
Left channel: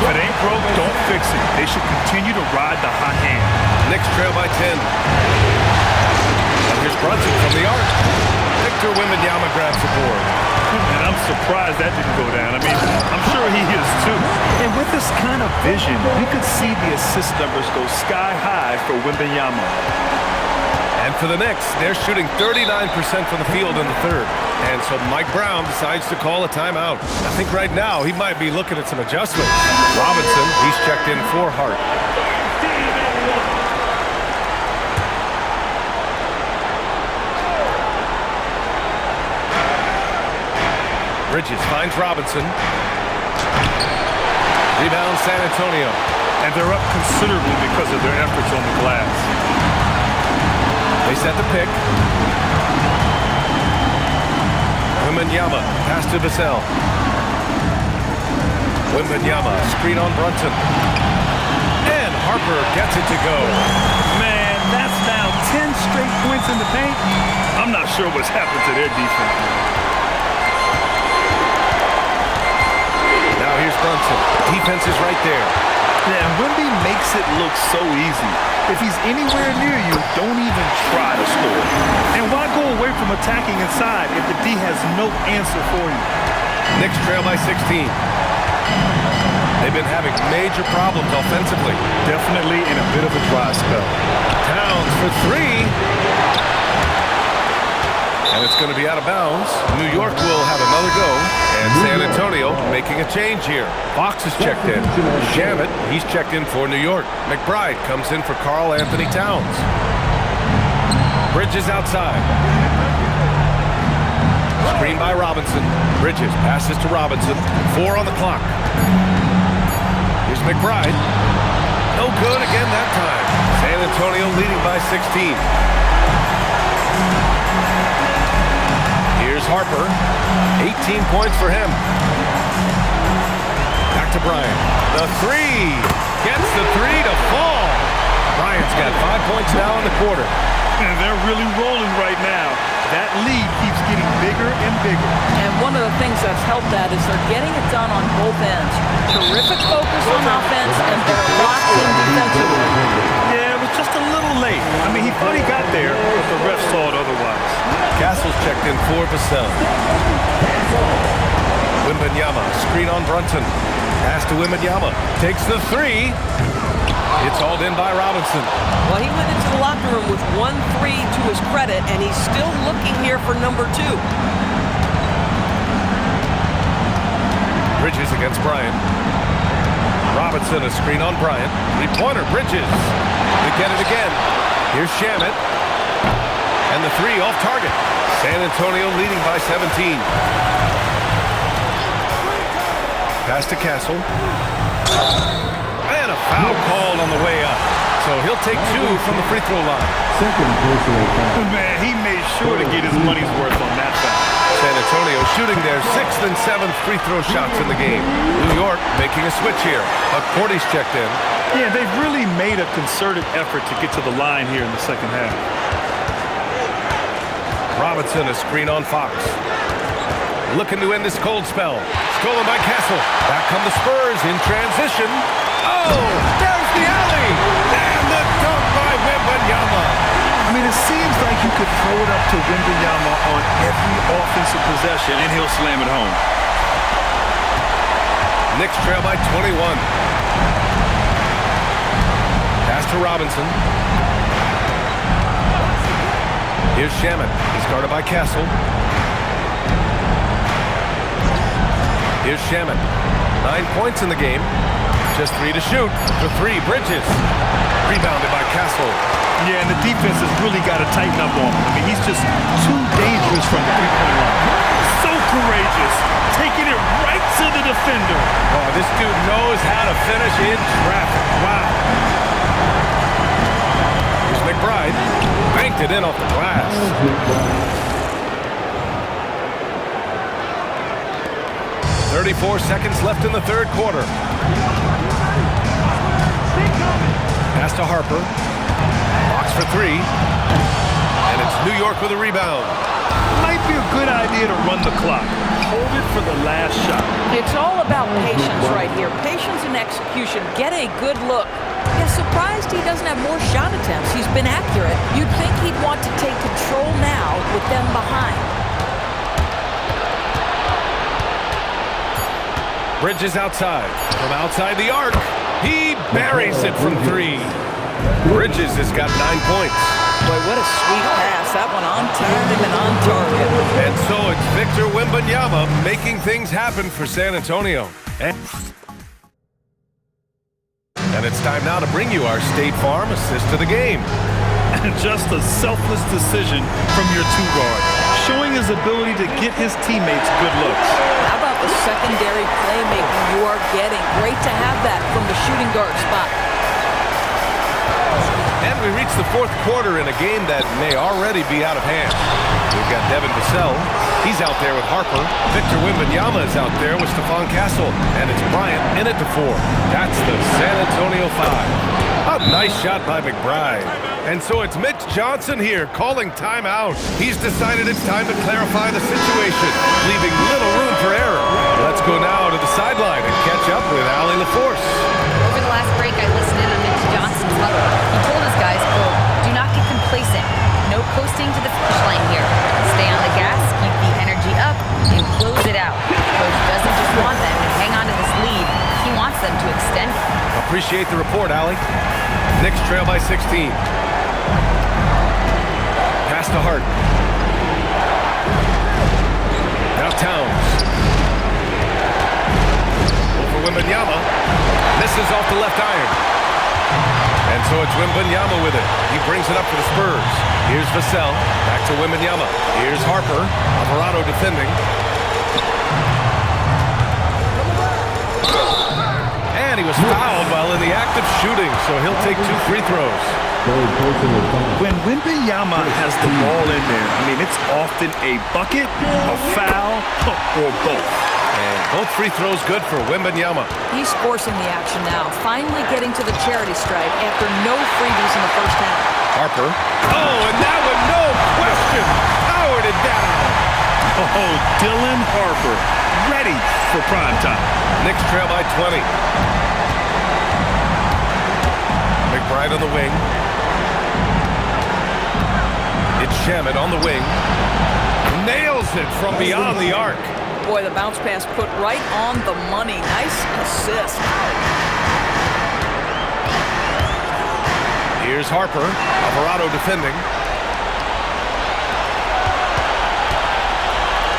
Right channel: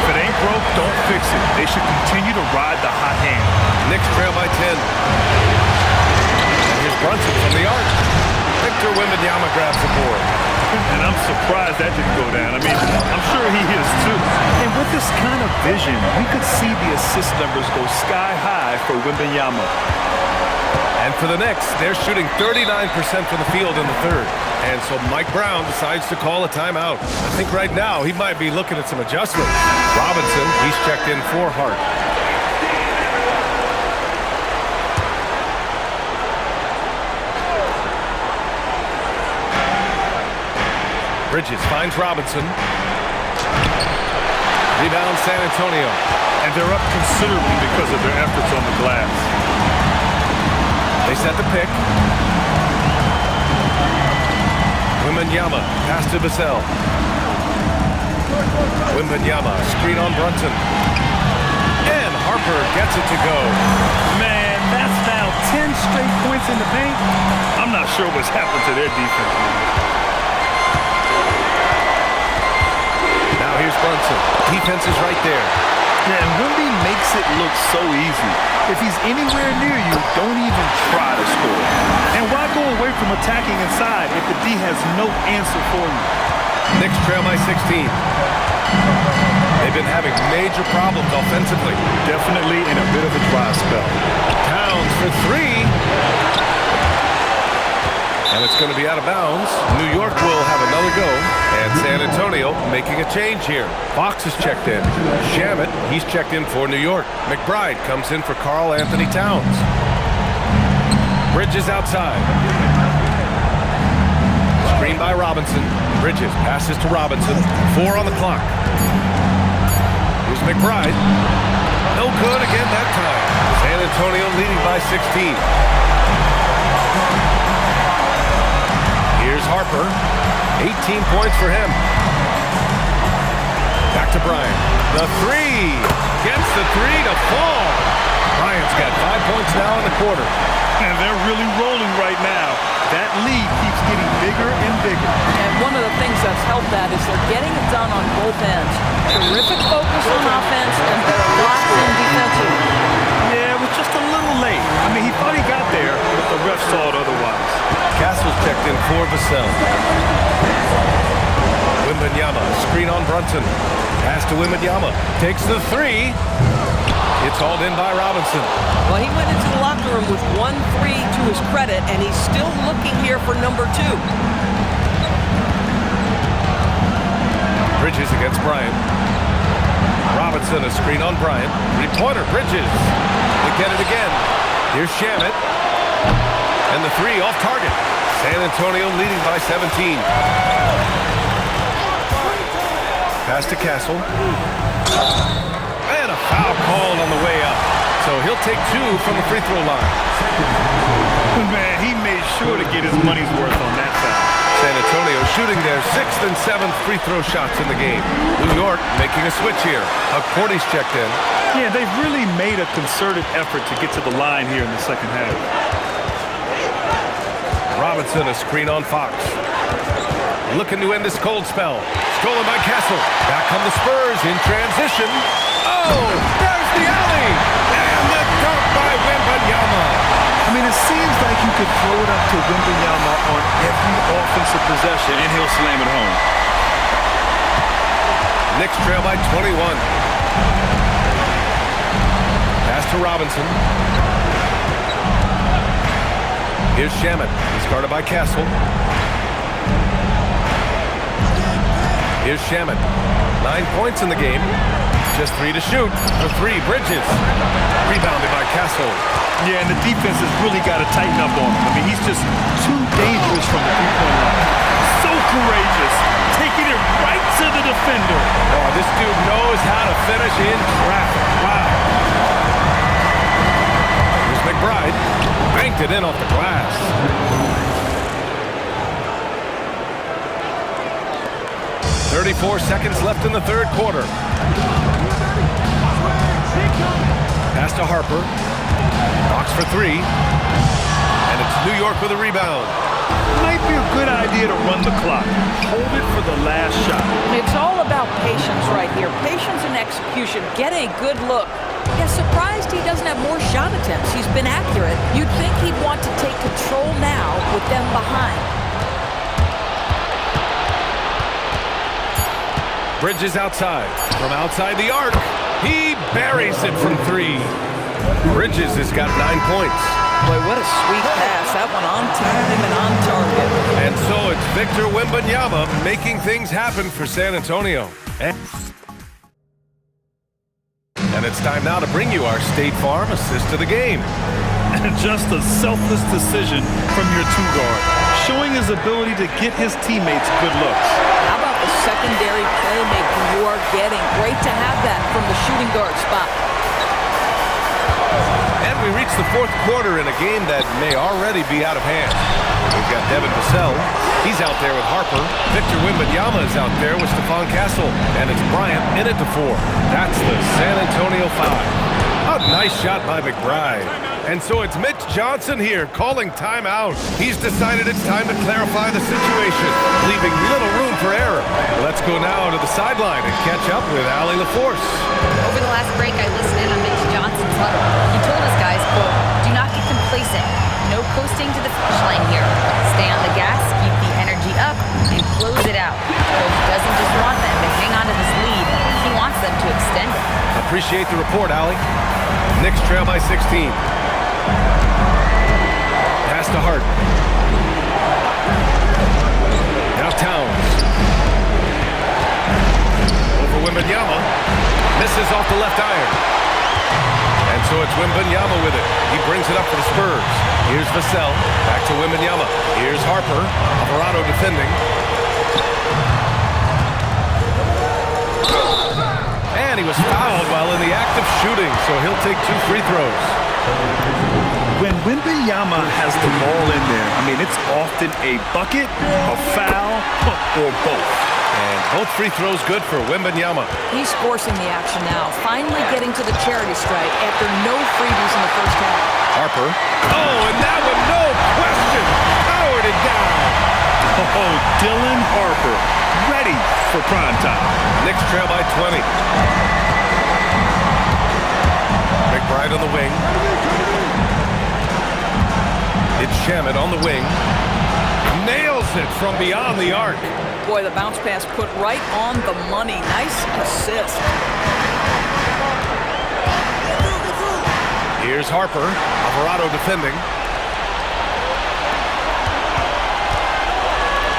If it ain't broke, don't fix it. They should continue to ride the hot hand. Knicks trail by 10. And here's Brunson from the arc. Victor Wembanyama grabs the board. And I'm surprised that didn't go down. I mean, I'm sure he is too. And with this kind of vision, we could see the assist numbers go sky high for Wembanyama. And for the Knicks, they're shooting 39% from the field in the third. And so Mike Brown decides to call a timeout. I think right now he might be looking at some adjustments. Robinson, he's checked in for Hart. Bridges finds Robinson. Rebound San Antonio. And they're up considerably because of their efforts on the glass. They set the pick. Wembanyama, pass to Vassell. Wembanyama, screen on Brunson. And Harper gets it to go. Man, that's now 10 straight points in the paint. I'm not sure what's happened to their defense, man. Now here's Brunson. Defense is right there. Yeah, and Wemby makes it look so easy. If he's anywhere near you, don't even try to score. And why go away from attacking inside if the D has no answer for you? Knicks trail by 16. They've been having major problems offensively. Definitely in a bit of a dry spell. Towns for three. And it's going to be out of bounds. New York will have another go. And San Antonio making a change here. Fox is checked in. Shamet, he's checked in for New York. McBride comes in for Karl Anthony Towns. Bridges outside. Screen by Robinson. Bridges passes to Robinson. 4 on the clock. Here's McBride. No good again that time. San Antonio leading by 16. Here's Harper. 18 points for him. Back to Bryant. The three. Gets the three to fall. Bryant's got 5 points now in the quarter. And they're really rolling right now. That lead keeps getting bigger and bigger. And one of the things that's helped that is they're getting it done on both ends. Terrific focus on offense, and they're locked in defensively. Yeah, it was just a little late. I mean, he thought he got there, but the ref saw it otherwise. Castle's checked in for Vassell. Wembanyama, screen on Brunson. Pass to Wembanyama. Takes the three. It's hauled in by Robinson. Well, he went into the locker room with 1-3 to his credit, and he's still looking here for number 2. Bridges against Bryant. Robinson, a screen on Bryant. Three-pointer, Bridges. They get it again. Here's Shamet. And the three off target. San Antonio leading by 17. Pass to Castle. And a foul called on the way up. So he'll take 2 from the free throw line. Man, he made sure to get his money's worth on that foul. San Antonio shooting their 6th and 7th free throw shots in the game. New York making a switch here. Cordy's checked in. Yeah, they've really made a concerted effort to get to the line here in the second half. Robinson, a screen on Fox. Looking to end this cold spell. Stolen by Castle. Back come the Spurs in transition. Oh, there's the alley. And the dunk by Wembanyama. I mean, it seems like you could throw it up to Wembanyama on every offensive possession, and he'll slam it home. Knicks trail by 21. Pass to Robinson. Here's Shamet. He's guarded by Castle. Here's Shamet. 9 points in the game. Just 3 to shoot. For 3, Bridges. Rebounded by Castle. Yeah, and the defense has really got to tighten up on him. I mean, he's just too dangerous from the three-point line. So courageous. Taking it right to the defender. Oh, this dude knows how to finish in traffic. Wow. Here's McBride. Banked it in off the glass. 34 seconds left in the third quarter. Pass to Harper. Box for 3. And it's New York with a rebound. Might be a good idea to run the clock. Hold it for the last shot. It's all about patience right here. Patience and execution. Get a good look. Yeah, surprised he doesn't have more shot attempts. He's been accurate. You'd think he'd want to take control now with them behind. Bridges outside. From outside the arc. He buries it from 3. Bridges has got 9 points. Boy, what a sweet pass. That one on time and on target. And so it's Victor Wembanyama making things happen for San Antonio. And it's time now to bring you our State Farm assist of the game. And just a selfless decision from your 2-guard, showing his ability to get his teammates good looks. How about the secondary playmaking you are getting? Great to have that from the shooting guard spot. And we reach the fourth quarter in a game that may already be out of hand. We've got Devin Vassell. He's out there with Harper. Victor Wembanyama is out there with Stephon Castle. And it's Bryant in it to 4. That's the San Antonio 5. A nice shot by McBride. And so it's Mitch Johnson here calling timeout. He's decided it's time to clarify the situation, leaving little room for error. Let's go now to the sideline and catch up with Allie LaForce. Over the last break, I listened in on Mitch Johnson's huddle. He told his guys, quote, "Do not get complacent. No coasting to the finish line here. Stay on the gas, keep the energy up, and close it out. Coach doesn't just want them to hang on to this lead. He wants them to extend it." Appreciate the report, Allie. Knicks trail by 16. Pass to Hart. Now Towns. Over Wembanyama. Misses off the left iron. And so it's Wembanyama with it. He brings it up for the Spurs. Here's Vassell. Back to Wembanyama. Here's Harper. Alvarado defending. And he was fouled while in the act of shooting, so he'll take 2 free throws. When Wembanyama has the ball in there, I mean, it's often a bucket, a foul, or both. And both free throws good for Wembanyama. He's forcing the action now, finally getting to the charity stripe after no freebies in the first half. Harper. Oh, and that one, no question, powered it down. Oh, Dylan Harper, ready for prime time. Knicks trail by 20. McBride on the wing. It's Shamet on the wing. Nails it from beyond the arc. Boy, the bounce pass put right on the money. Nice assist. Here's Harper. Alvarado defending.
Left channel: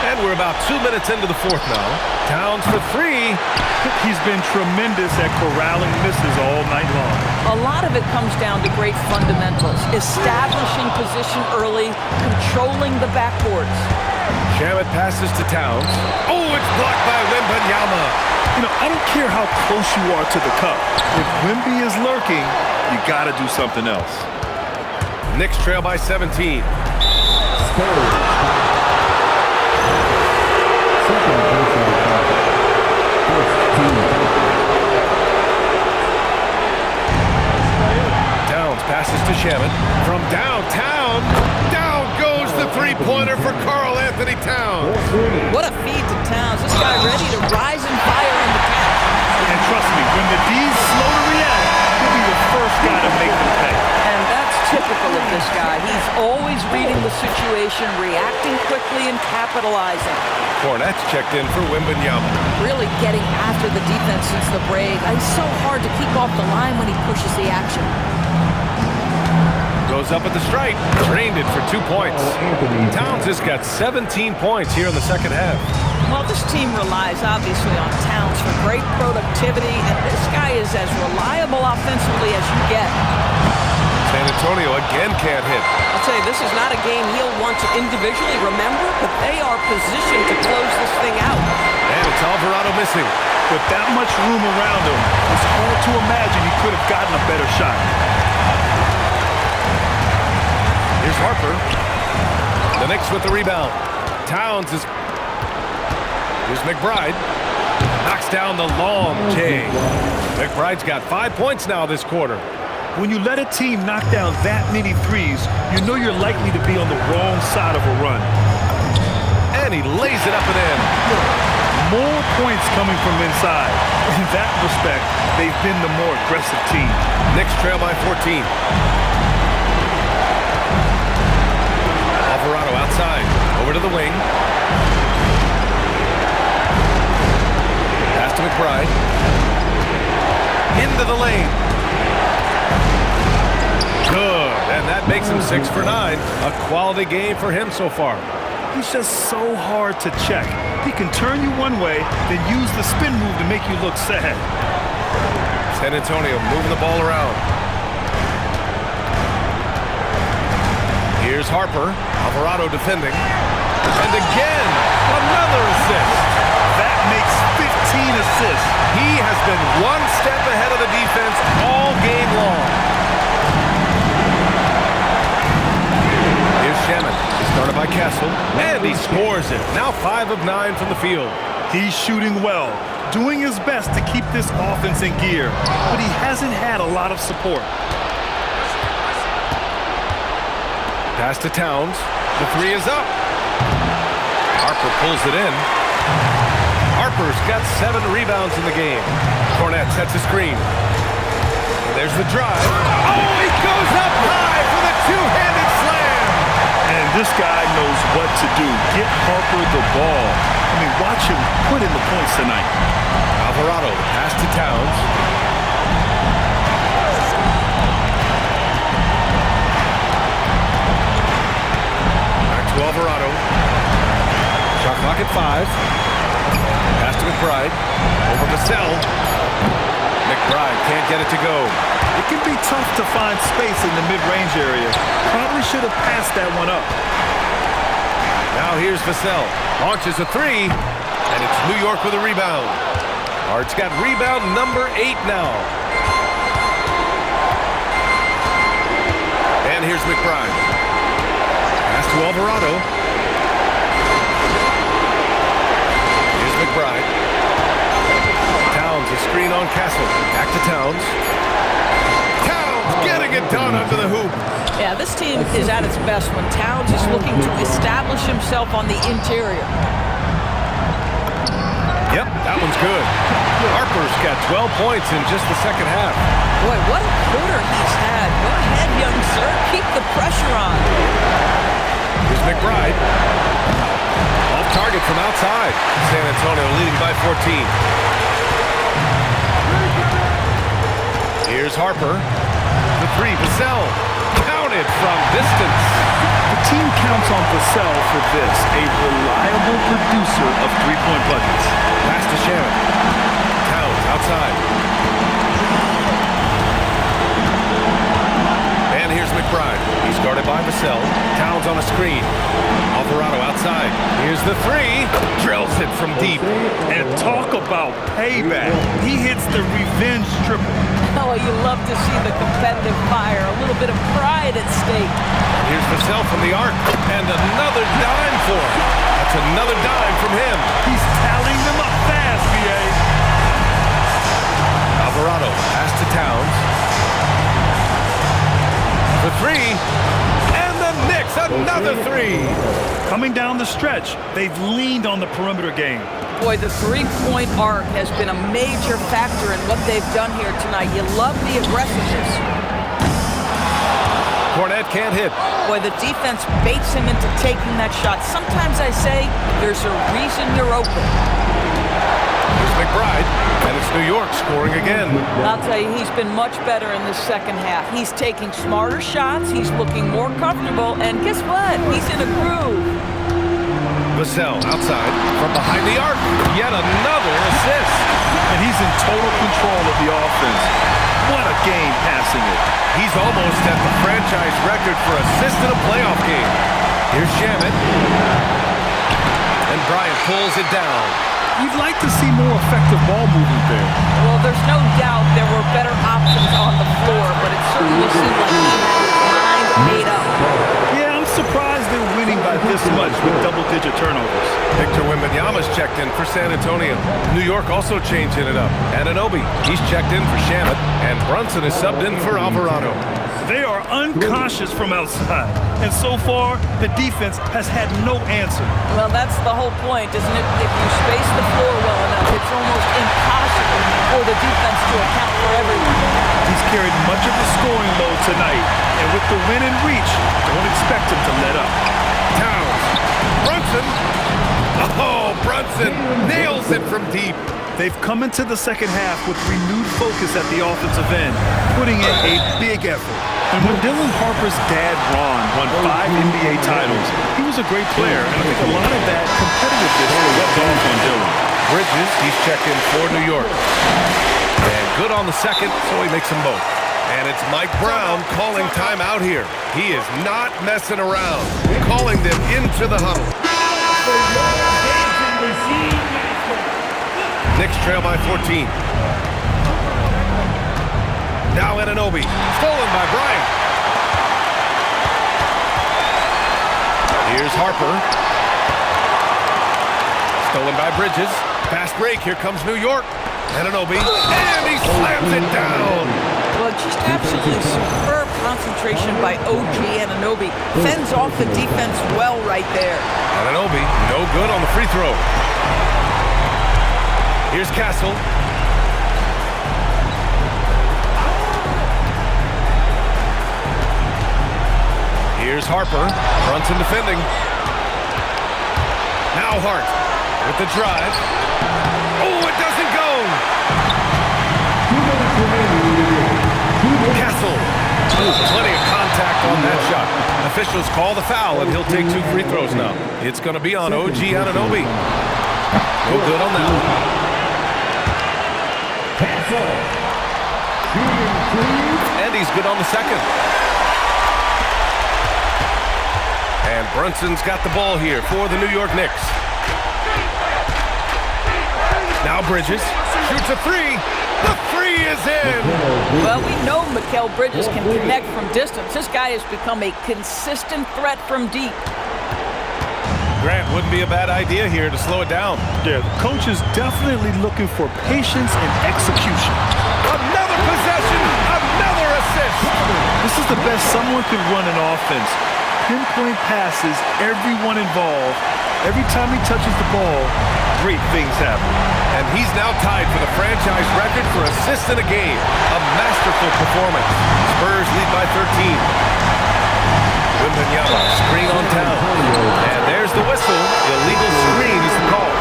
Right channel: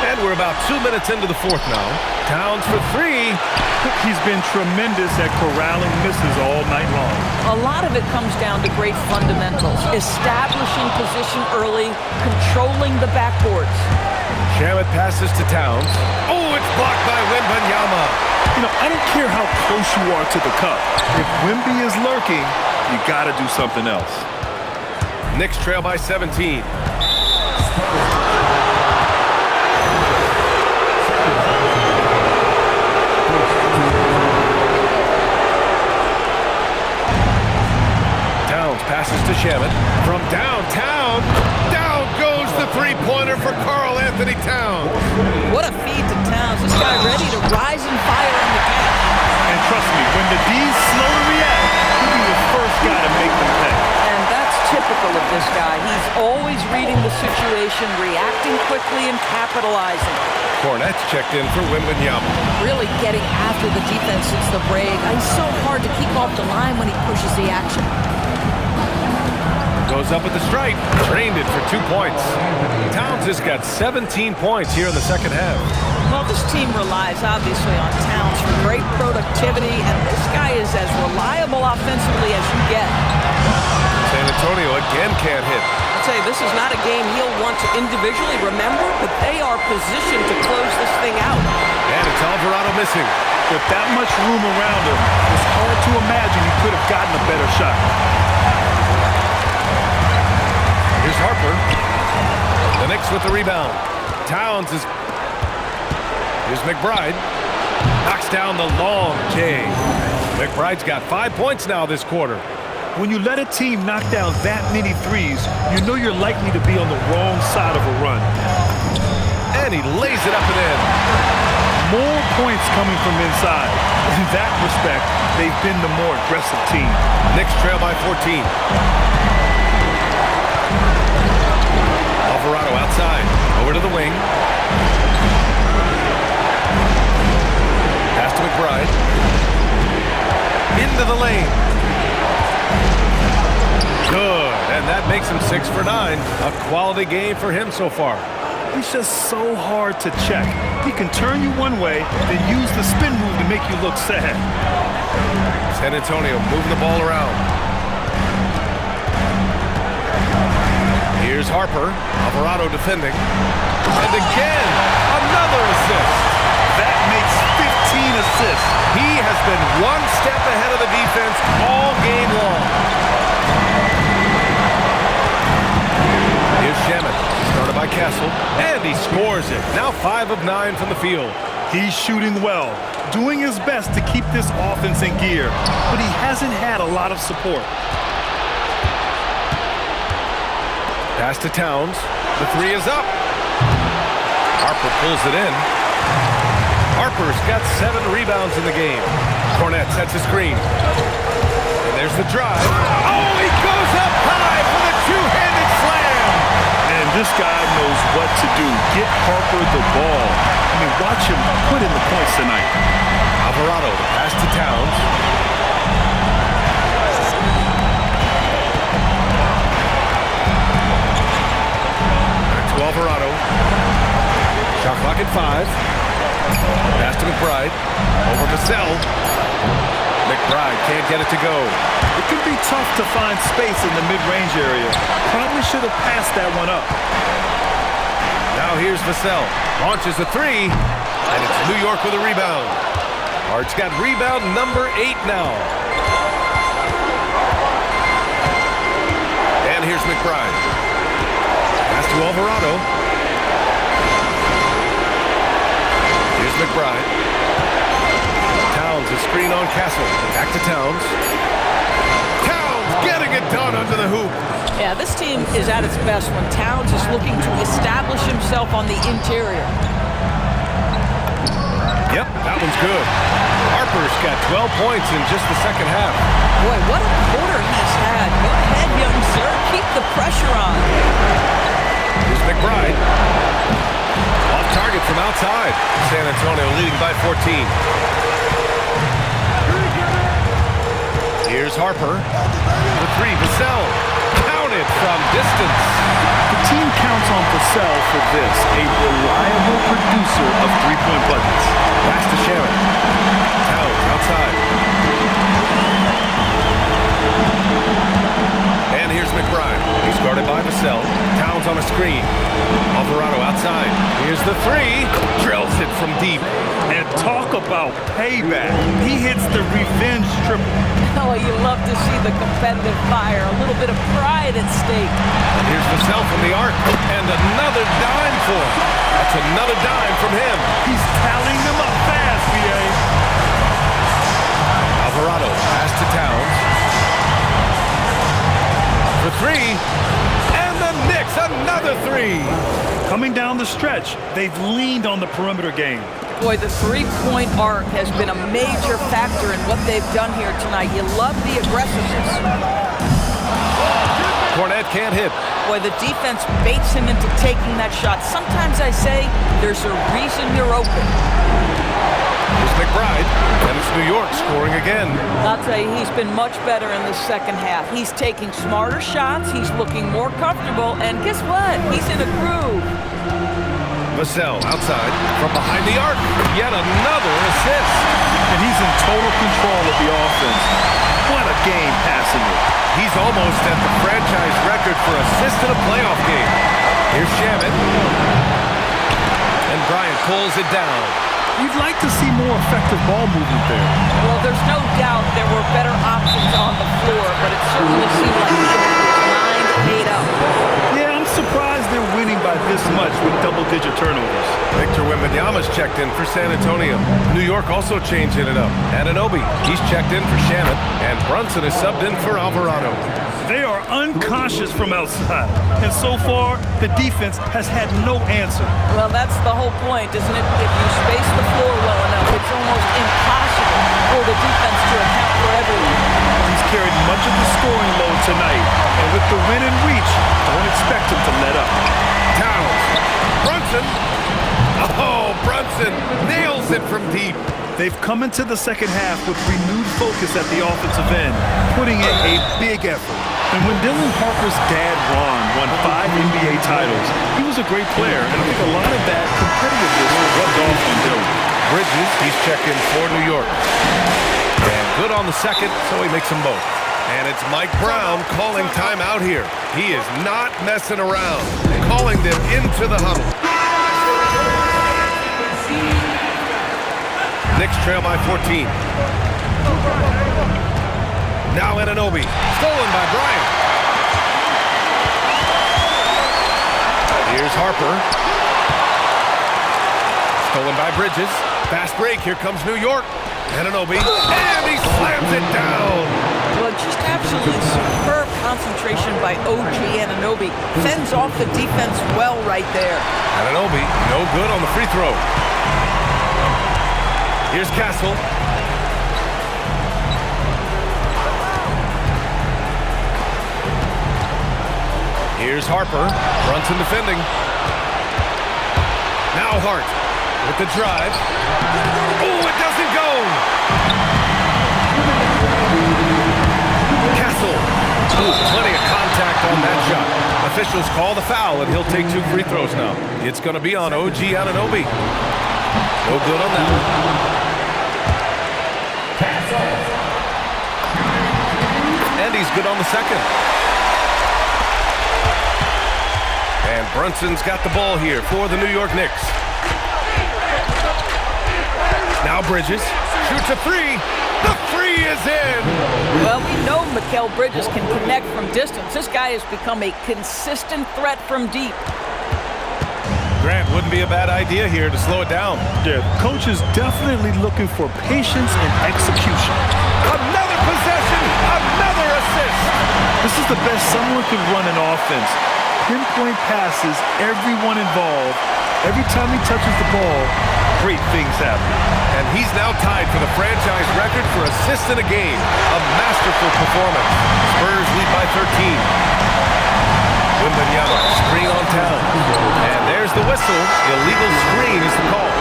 And we're about 2 minutes into the fourth now. Towns for three. He's been tremendous at corralling misses all night long. A lot of it comes down to great fundamentals. Establishing position early, controlling the backboards. Shamet passes to Towns. Oh, it's blocked by Wembanyama. You know, I don't care how close you are to the cup. If Wemby is lurking, you got to do something else. Knicks trail by 17. Towns passes to Shamet. From downtown, down goes the three-pointer for Karl Anthony Towns. What a feed to Towns. This guy ready to rise and fire on the catch. And trust me, when the D's slow to react, he'll be the first guy to make them pay. And that's typical of this guy. He's always reading the situation, reacting quickly, and capitalizing. Cornette's checked in for Wembanyama. Really getting after the defense since the break. It's so hard to keep off the line when he pushes the action. Goes up at the stripe. Drained it for 2 points. Towns has got 17 points here in the second half. Well, this team relies obviously on Towns for great productivity, and this guy is as reliable offensively as you get. San Antonio again can't hit. I'll tell you, this is not a game he'll want to individually remember, but they are positioned to close this thing out. And it's Alvarado missing. With that much room around him, it's hard to imagine he could have gotten a better shot. Here's Harper. The Knicks with the rebound. Towns is... Here's McBride. Knocks down the long J. McBride's got 5 points now this quarter. When you let a team knock down that many threes, you know you're likely to be on the wrong side of a run. And he lays it up and in. More points coming from inside. In that respect, they've been the more aggressive team. Knicks trail by 14. Alvarado outside. Over to the wing. Pass to McBride. Into the lane. Good. And that makes him 6 for 9. A quality game for him so far. He's just so hard to check. He can turn you one way, then use the spin move to make you look sad. San Antonio moving the ball around. Here's Harper. Alvarado defending. And again, another assist. That makes 15 assists. He has been one step ahead of the defense all game long. Here's Shamet. He started by Castle, and he scores it. Now 5 of 9 from the field. He's shooting well, doing his best to keep this offense in gear, but he hasn't had a lot of support. Pass to Towns. The three is up. Harper pulls it in. Harper's got 7 rebounds in the game. Cornette sets a screen. And there's the drive. Oh, he goes up high for the two-handed slam. And this guy knows what to do. Get Harper the ball. I mean, watch him put in the points tonight. Alvarado, the pass to Towns. Back to Alvarado. Shot clock at 5. Pass to McBride. Over Vassell. McBride can't get it to go. It can be tough to find space in the mid-range area. Probably should have passed that one up. Now here's Vassell. Launches a 3. And it's New York with a rebound. Hart's got rebound number 8 now. And here's McBride. Pass to Alvarado. Here's McBride. Towns, a screen on Castle. Back to Towns. Towns getting it done under the hoop. Yeah, this team is at its best when Towns is looking to establish himself on the interior. Yep, that one's good. Harper's got 12 points in just the second half. Boy, what a quarter he's had. Go ahead, young sir. Keep the pressure on. Here's McBride. Off target from outside. San Antonio leading by 14. Here's Harper. For three, Vassell. Counted from distance. The team counts on Vassell for this, a reliable producer of three-point buckets. Pass to Shannon. Towns outside. And here's McBride. He's guarded by Vassell. Towns on a screen. Alvarado outside. Here's the three. Drills it from deep. And talk about payback. He hits the revenge triple. Oh, you love to see the competitive fire. A little bit of pride at stake. And here's Vassell from the arc. And another dime for him. That's another dime from him. He's tallying them up fast, VA. Alvarado, pass to Towns. For three. And the Knicks, another three. Coming down the stretch, they've leaned on the perimeter game. Boy, the three-point arc has been a major factor in what they've done here tonight. You love the aggressiveness. Cornette can't hit. Boy, the defense baits him into taking that shot. Sometimes I say there's a reason you're open. Here's McBride, and it's New York scoring again. I'll tell you, he's been much better in the second half. He's taking smarter shots, he's looking more comfortable, and guess what? He's in a groove. Vassell outside from behind the arc. Yet another assist. And he's in total control of the offense. What a game passing it. He's almost at the franchise record for assists in a playoff game. Here's Shamet. And Bryant pulls it down. You'd like to see more effective ball movement there. Well, there's no doubt there were better options on the floor, but it certainly seemed like he had his mind made up. Yeah, I'm surprised they're winning by this much with double-digit turnovers. Victor Wembanyama's checked in for San Antonio. New York also changing it up. Anunoby, he's checked in for Shamet, and Brunson is subbed in for Alvarado. They are unconscious from outside, and so far, the defense has had no answer. Well, that's the whole point, isn't it? If you space the floor well enough, it's almost impossible for the defense to account for everyone. He's carried much of the scoring load tonight, and with the win in reach, don't expect him to let up. Towns. Brunson. Oh, Brunson nails it from deep. They've come into the second half with renewed focus at the offensive end, putting in a big effort. And when Dylan Harper's dad, Ron, won 5 NBA titles, he was a great player, and I think a lot of that competitiveness rubbed off on Dylan. Bridges, he's checked in for New York. And good on the second, so he makes them both. And it's Mike Brown calling timeout here. He is not messing around, calling them into the huddle. Knicks trail by 14. Now Anunoby, stolen by Bryant. Here's Harper. Stolen by Bridges. Fast break, here comes New York. Anunoby, and he slams it down. Well, just absolutely superb concentration by OG Anunoby. Fends off the defense well right there. Anunoby, no good on the free throw. Here's Castle. Here's Harper. Brunson defending. Now Hart with the drive. Oh, it doesn't go. Castle. Ooh, plenty of contact on that shot. Officials call the foul, and he'll take 2 free throws now. It's going to be on OG Anunoby. No good on that one. And he's good on the second. And Brunson's got the ball here for the New York Knicks. Now Bridges shoots a 3. The 3 three is in. Well, we know Mikal Bridges can connect from distance. This guy has become a consistent threat from deep. Grant, wouldn't be a bad idea here to slow it down. Yeah, the coach is definitely looking for patience and execution. Another possession, another assist. This is the best someone could run an offense. Pinpoint passes, everyone involved. Every time he touches the ball, great things happen. And he's now tied for the franchise record for assists in a game. A masterful performance. Spurs lead by 13. Wembanyama, screen on town. And there's the whistle. Illegal screen is the call.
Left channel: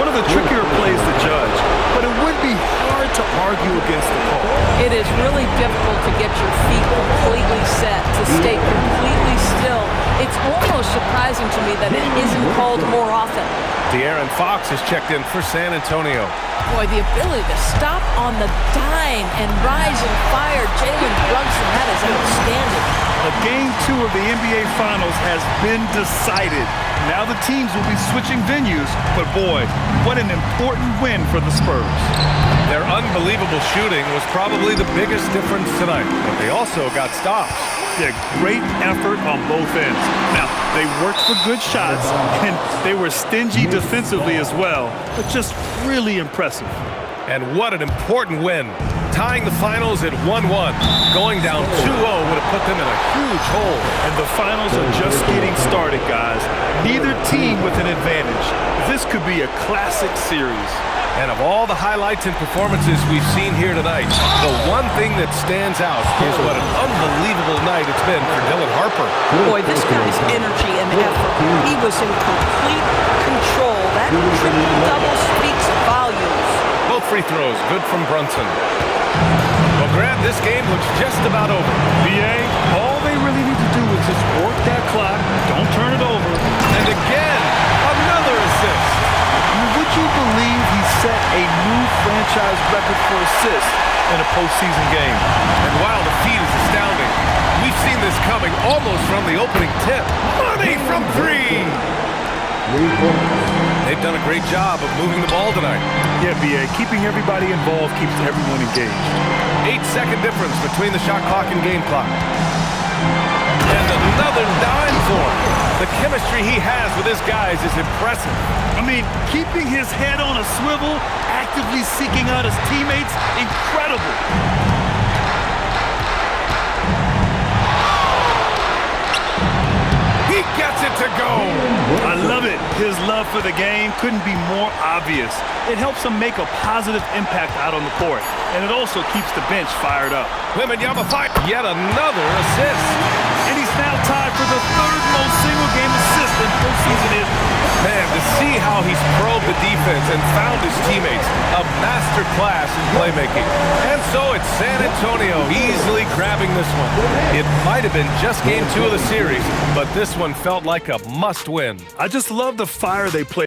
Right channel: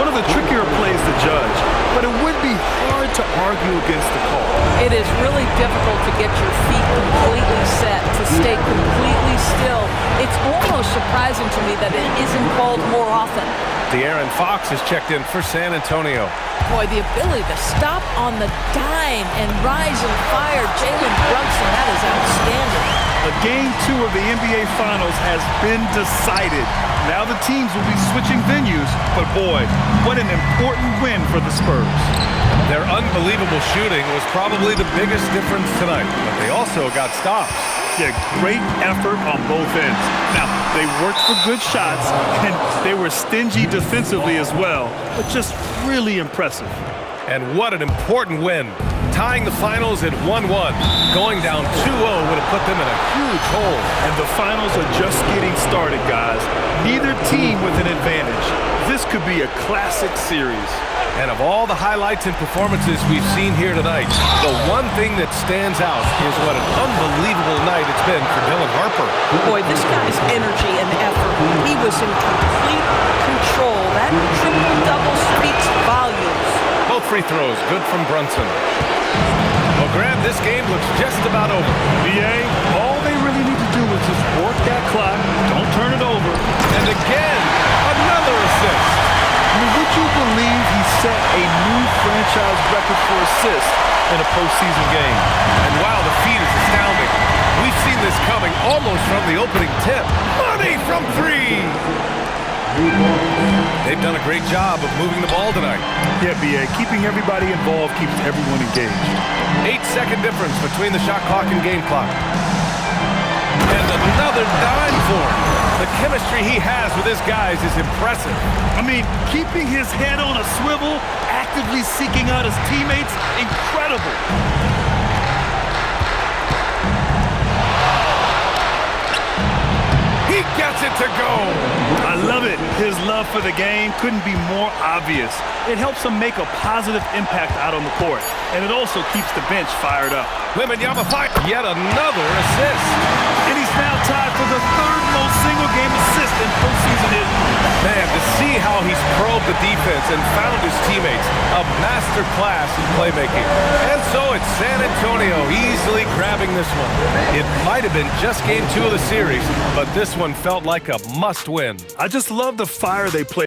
One of the trickier plays to judge, but it would be hard to argue against the call. It is really difficult to get your feet completely set, to stay completely still. It's almost surprising to me that it isn't called more often. De'Aaron Fox has checked in for San Antonio. Boy, the ability to stop on the dime and rise and fire Jalen Brunson, that is outstanding. Game 2 of the NBA Finals has been decided. Now the teams will be switching venues, but boy, what an important win for the Spurs. Their unbelievable shooting was probably the biggest difference tonight, but they also got stops. Yeah, great effort on both ends. Now, they worked for good shots, and they were stingy defensively as well, but just really impressive. And what an important win. Tying the finals at 1-1. Going down 2-0 would have put them in a huge hole. And the finals are just getting started, guys. Neither team with an advantage. This could be a classic series. And of all the highlights and performances we've seen here tonight, the one thing that stands out is what an unbelievable night it's been for Dylan Harper. Boy, this guy's energy and effort. He was in complete control. That triple-double speaks volumes. Both free throws, good from Brunson. Well, Grant, this game looks just about over. BA, all they really need to do is just work that clock, don't turn it over. And again, another assist. I mean, would you believe he set a new franchise record for assists in a postseason game? And while the feat is astounding, we've seen this coming almost from the opening tip. Money from three! They've done a great job of moving the ball tonight. Yeah, BA, keeping everybody involved keeps everyone engaged. 8-second difference between the shot clock and game clock. And another dime for him. The chemistry he has with his guys is impressive. I mean, keeping his head on a swivel, actively seeking out his teammates, incredible. He gets it to go. I love it. His love for the game couldn't be more obvious. It helps him make a positive impact out on the court, and it also keeps the bench fired up. Wembanyama fire. Yet another assist. And he's now tied for the third most single-game assist in postseason history. Man, to see how he's probed the defense and found his teammates, a master class in playmaking. And so it's San Antonio easily grabbing this one. It might have been just game 2 of the series, but this one felt like a must-win. I just love the fire they play.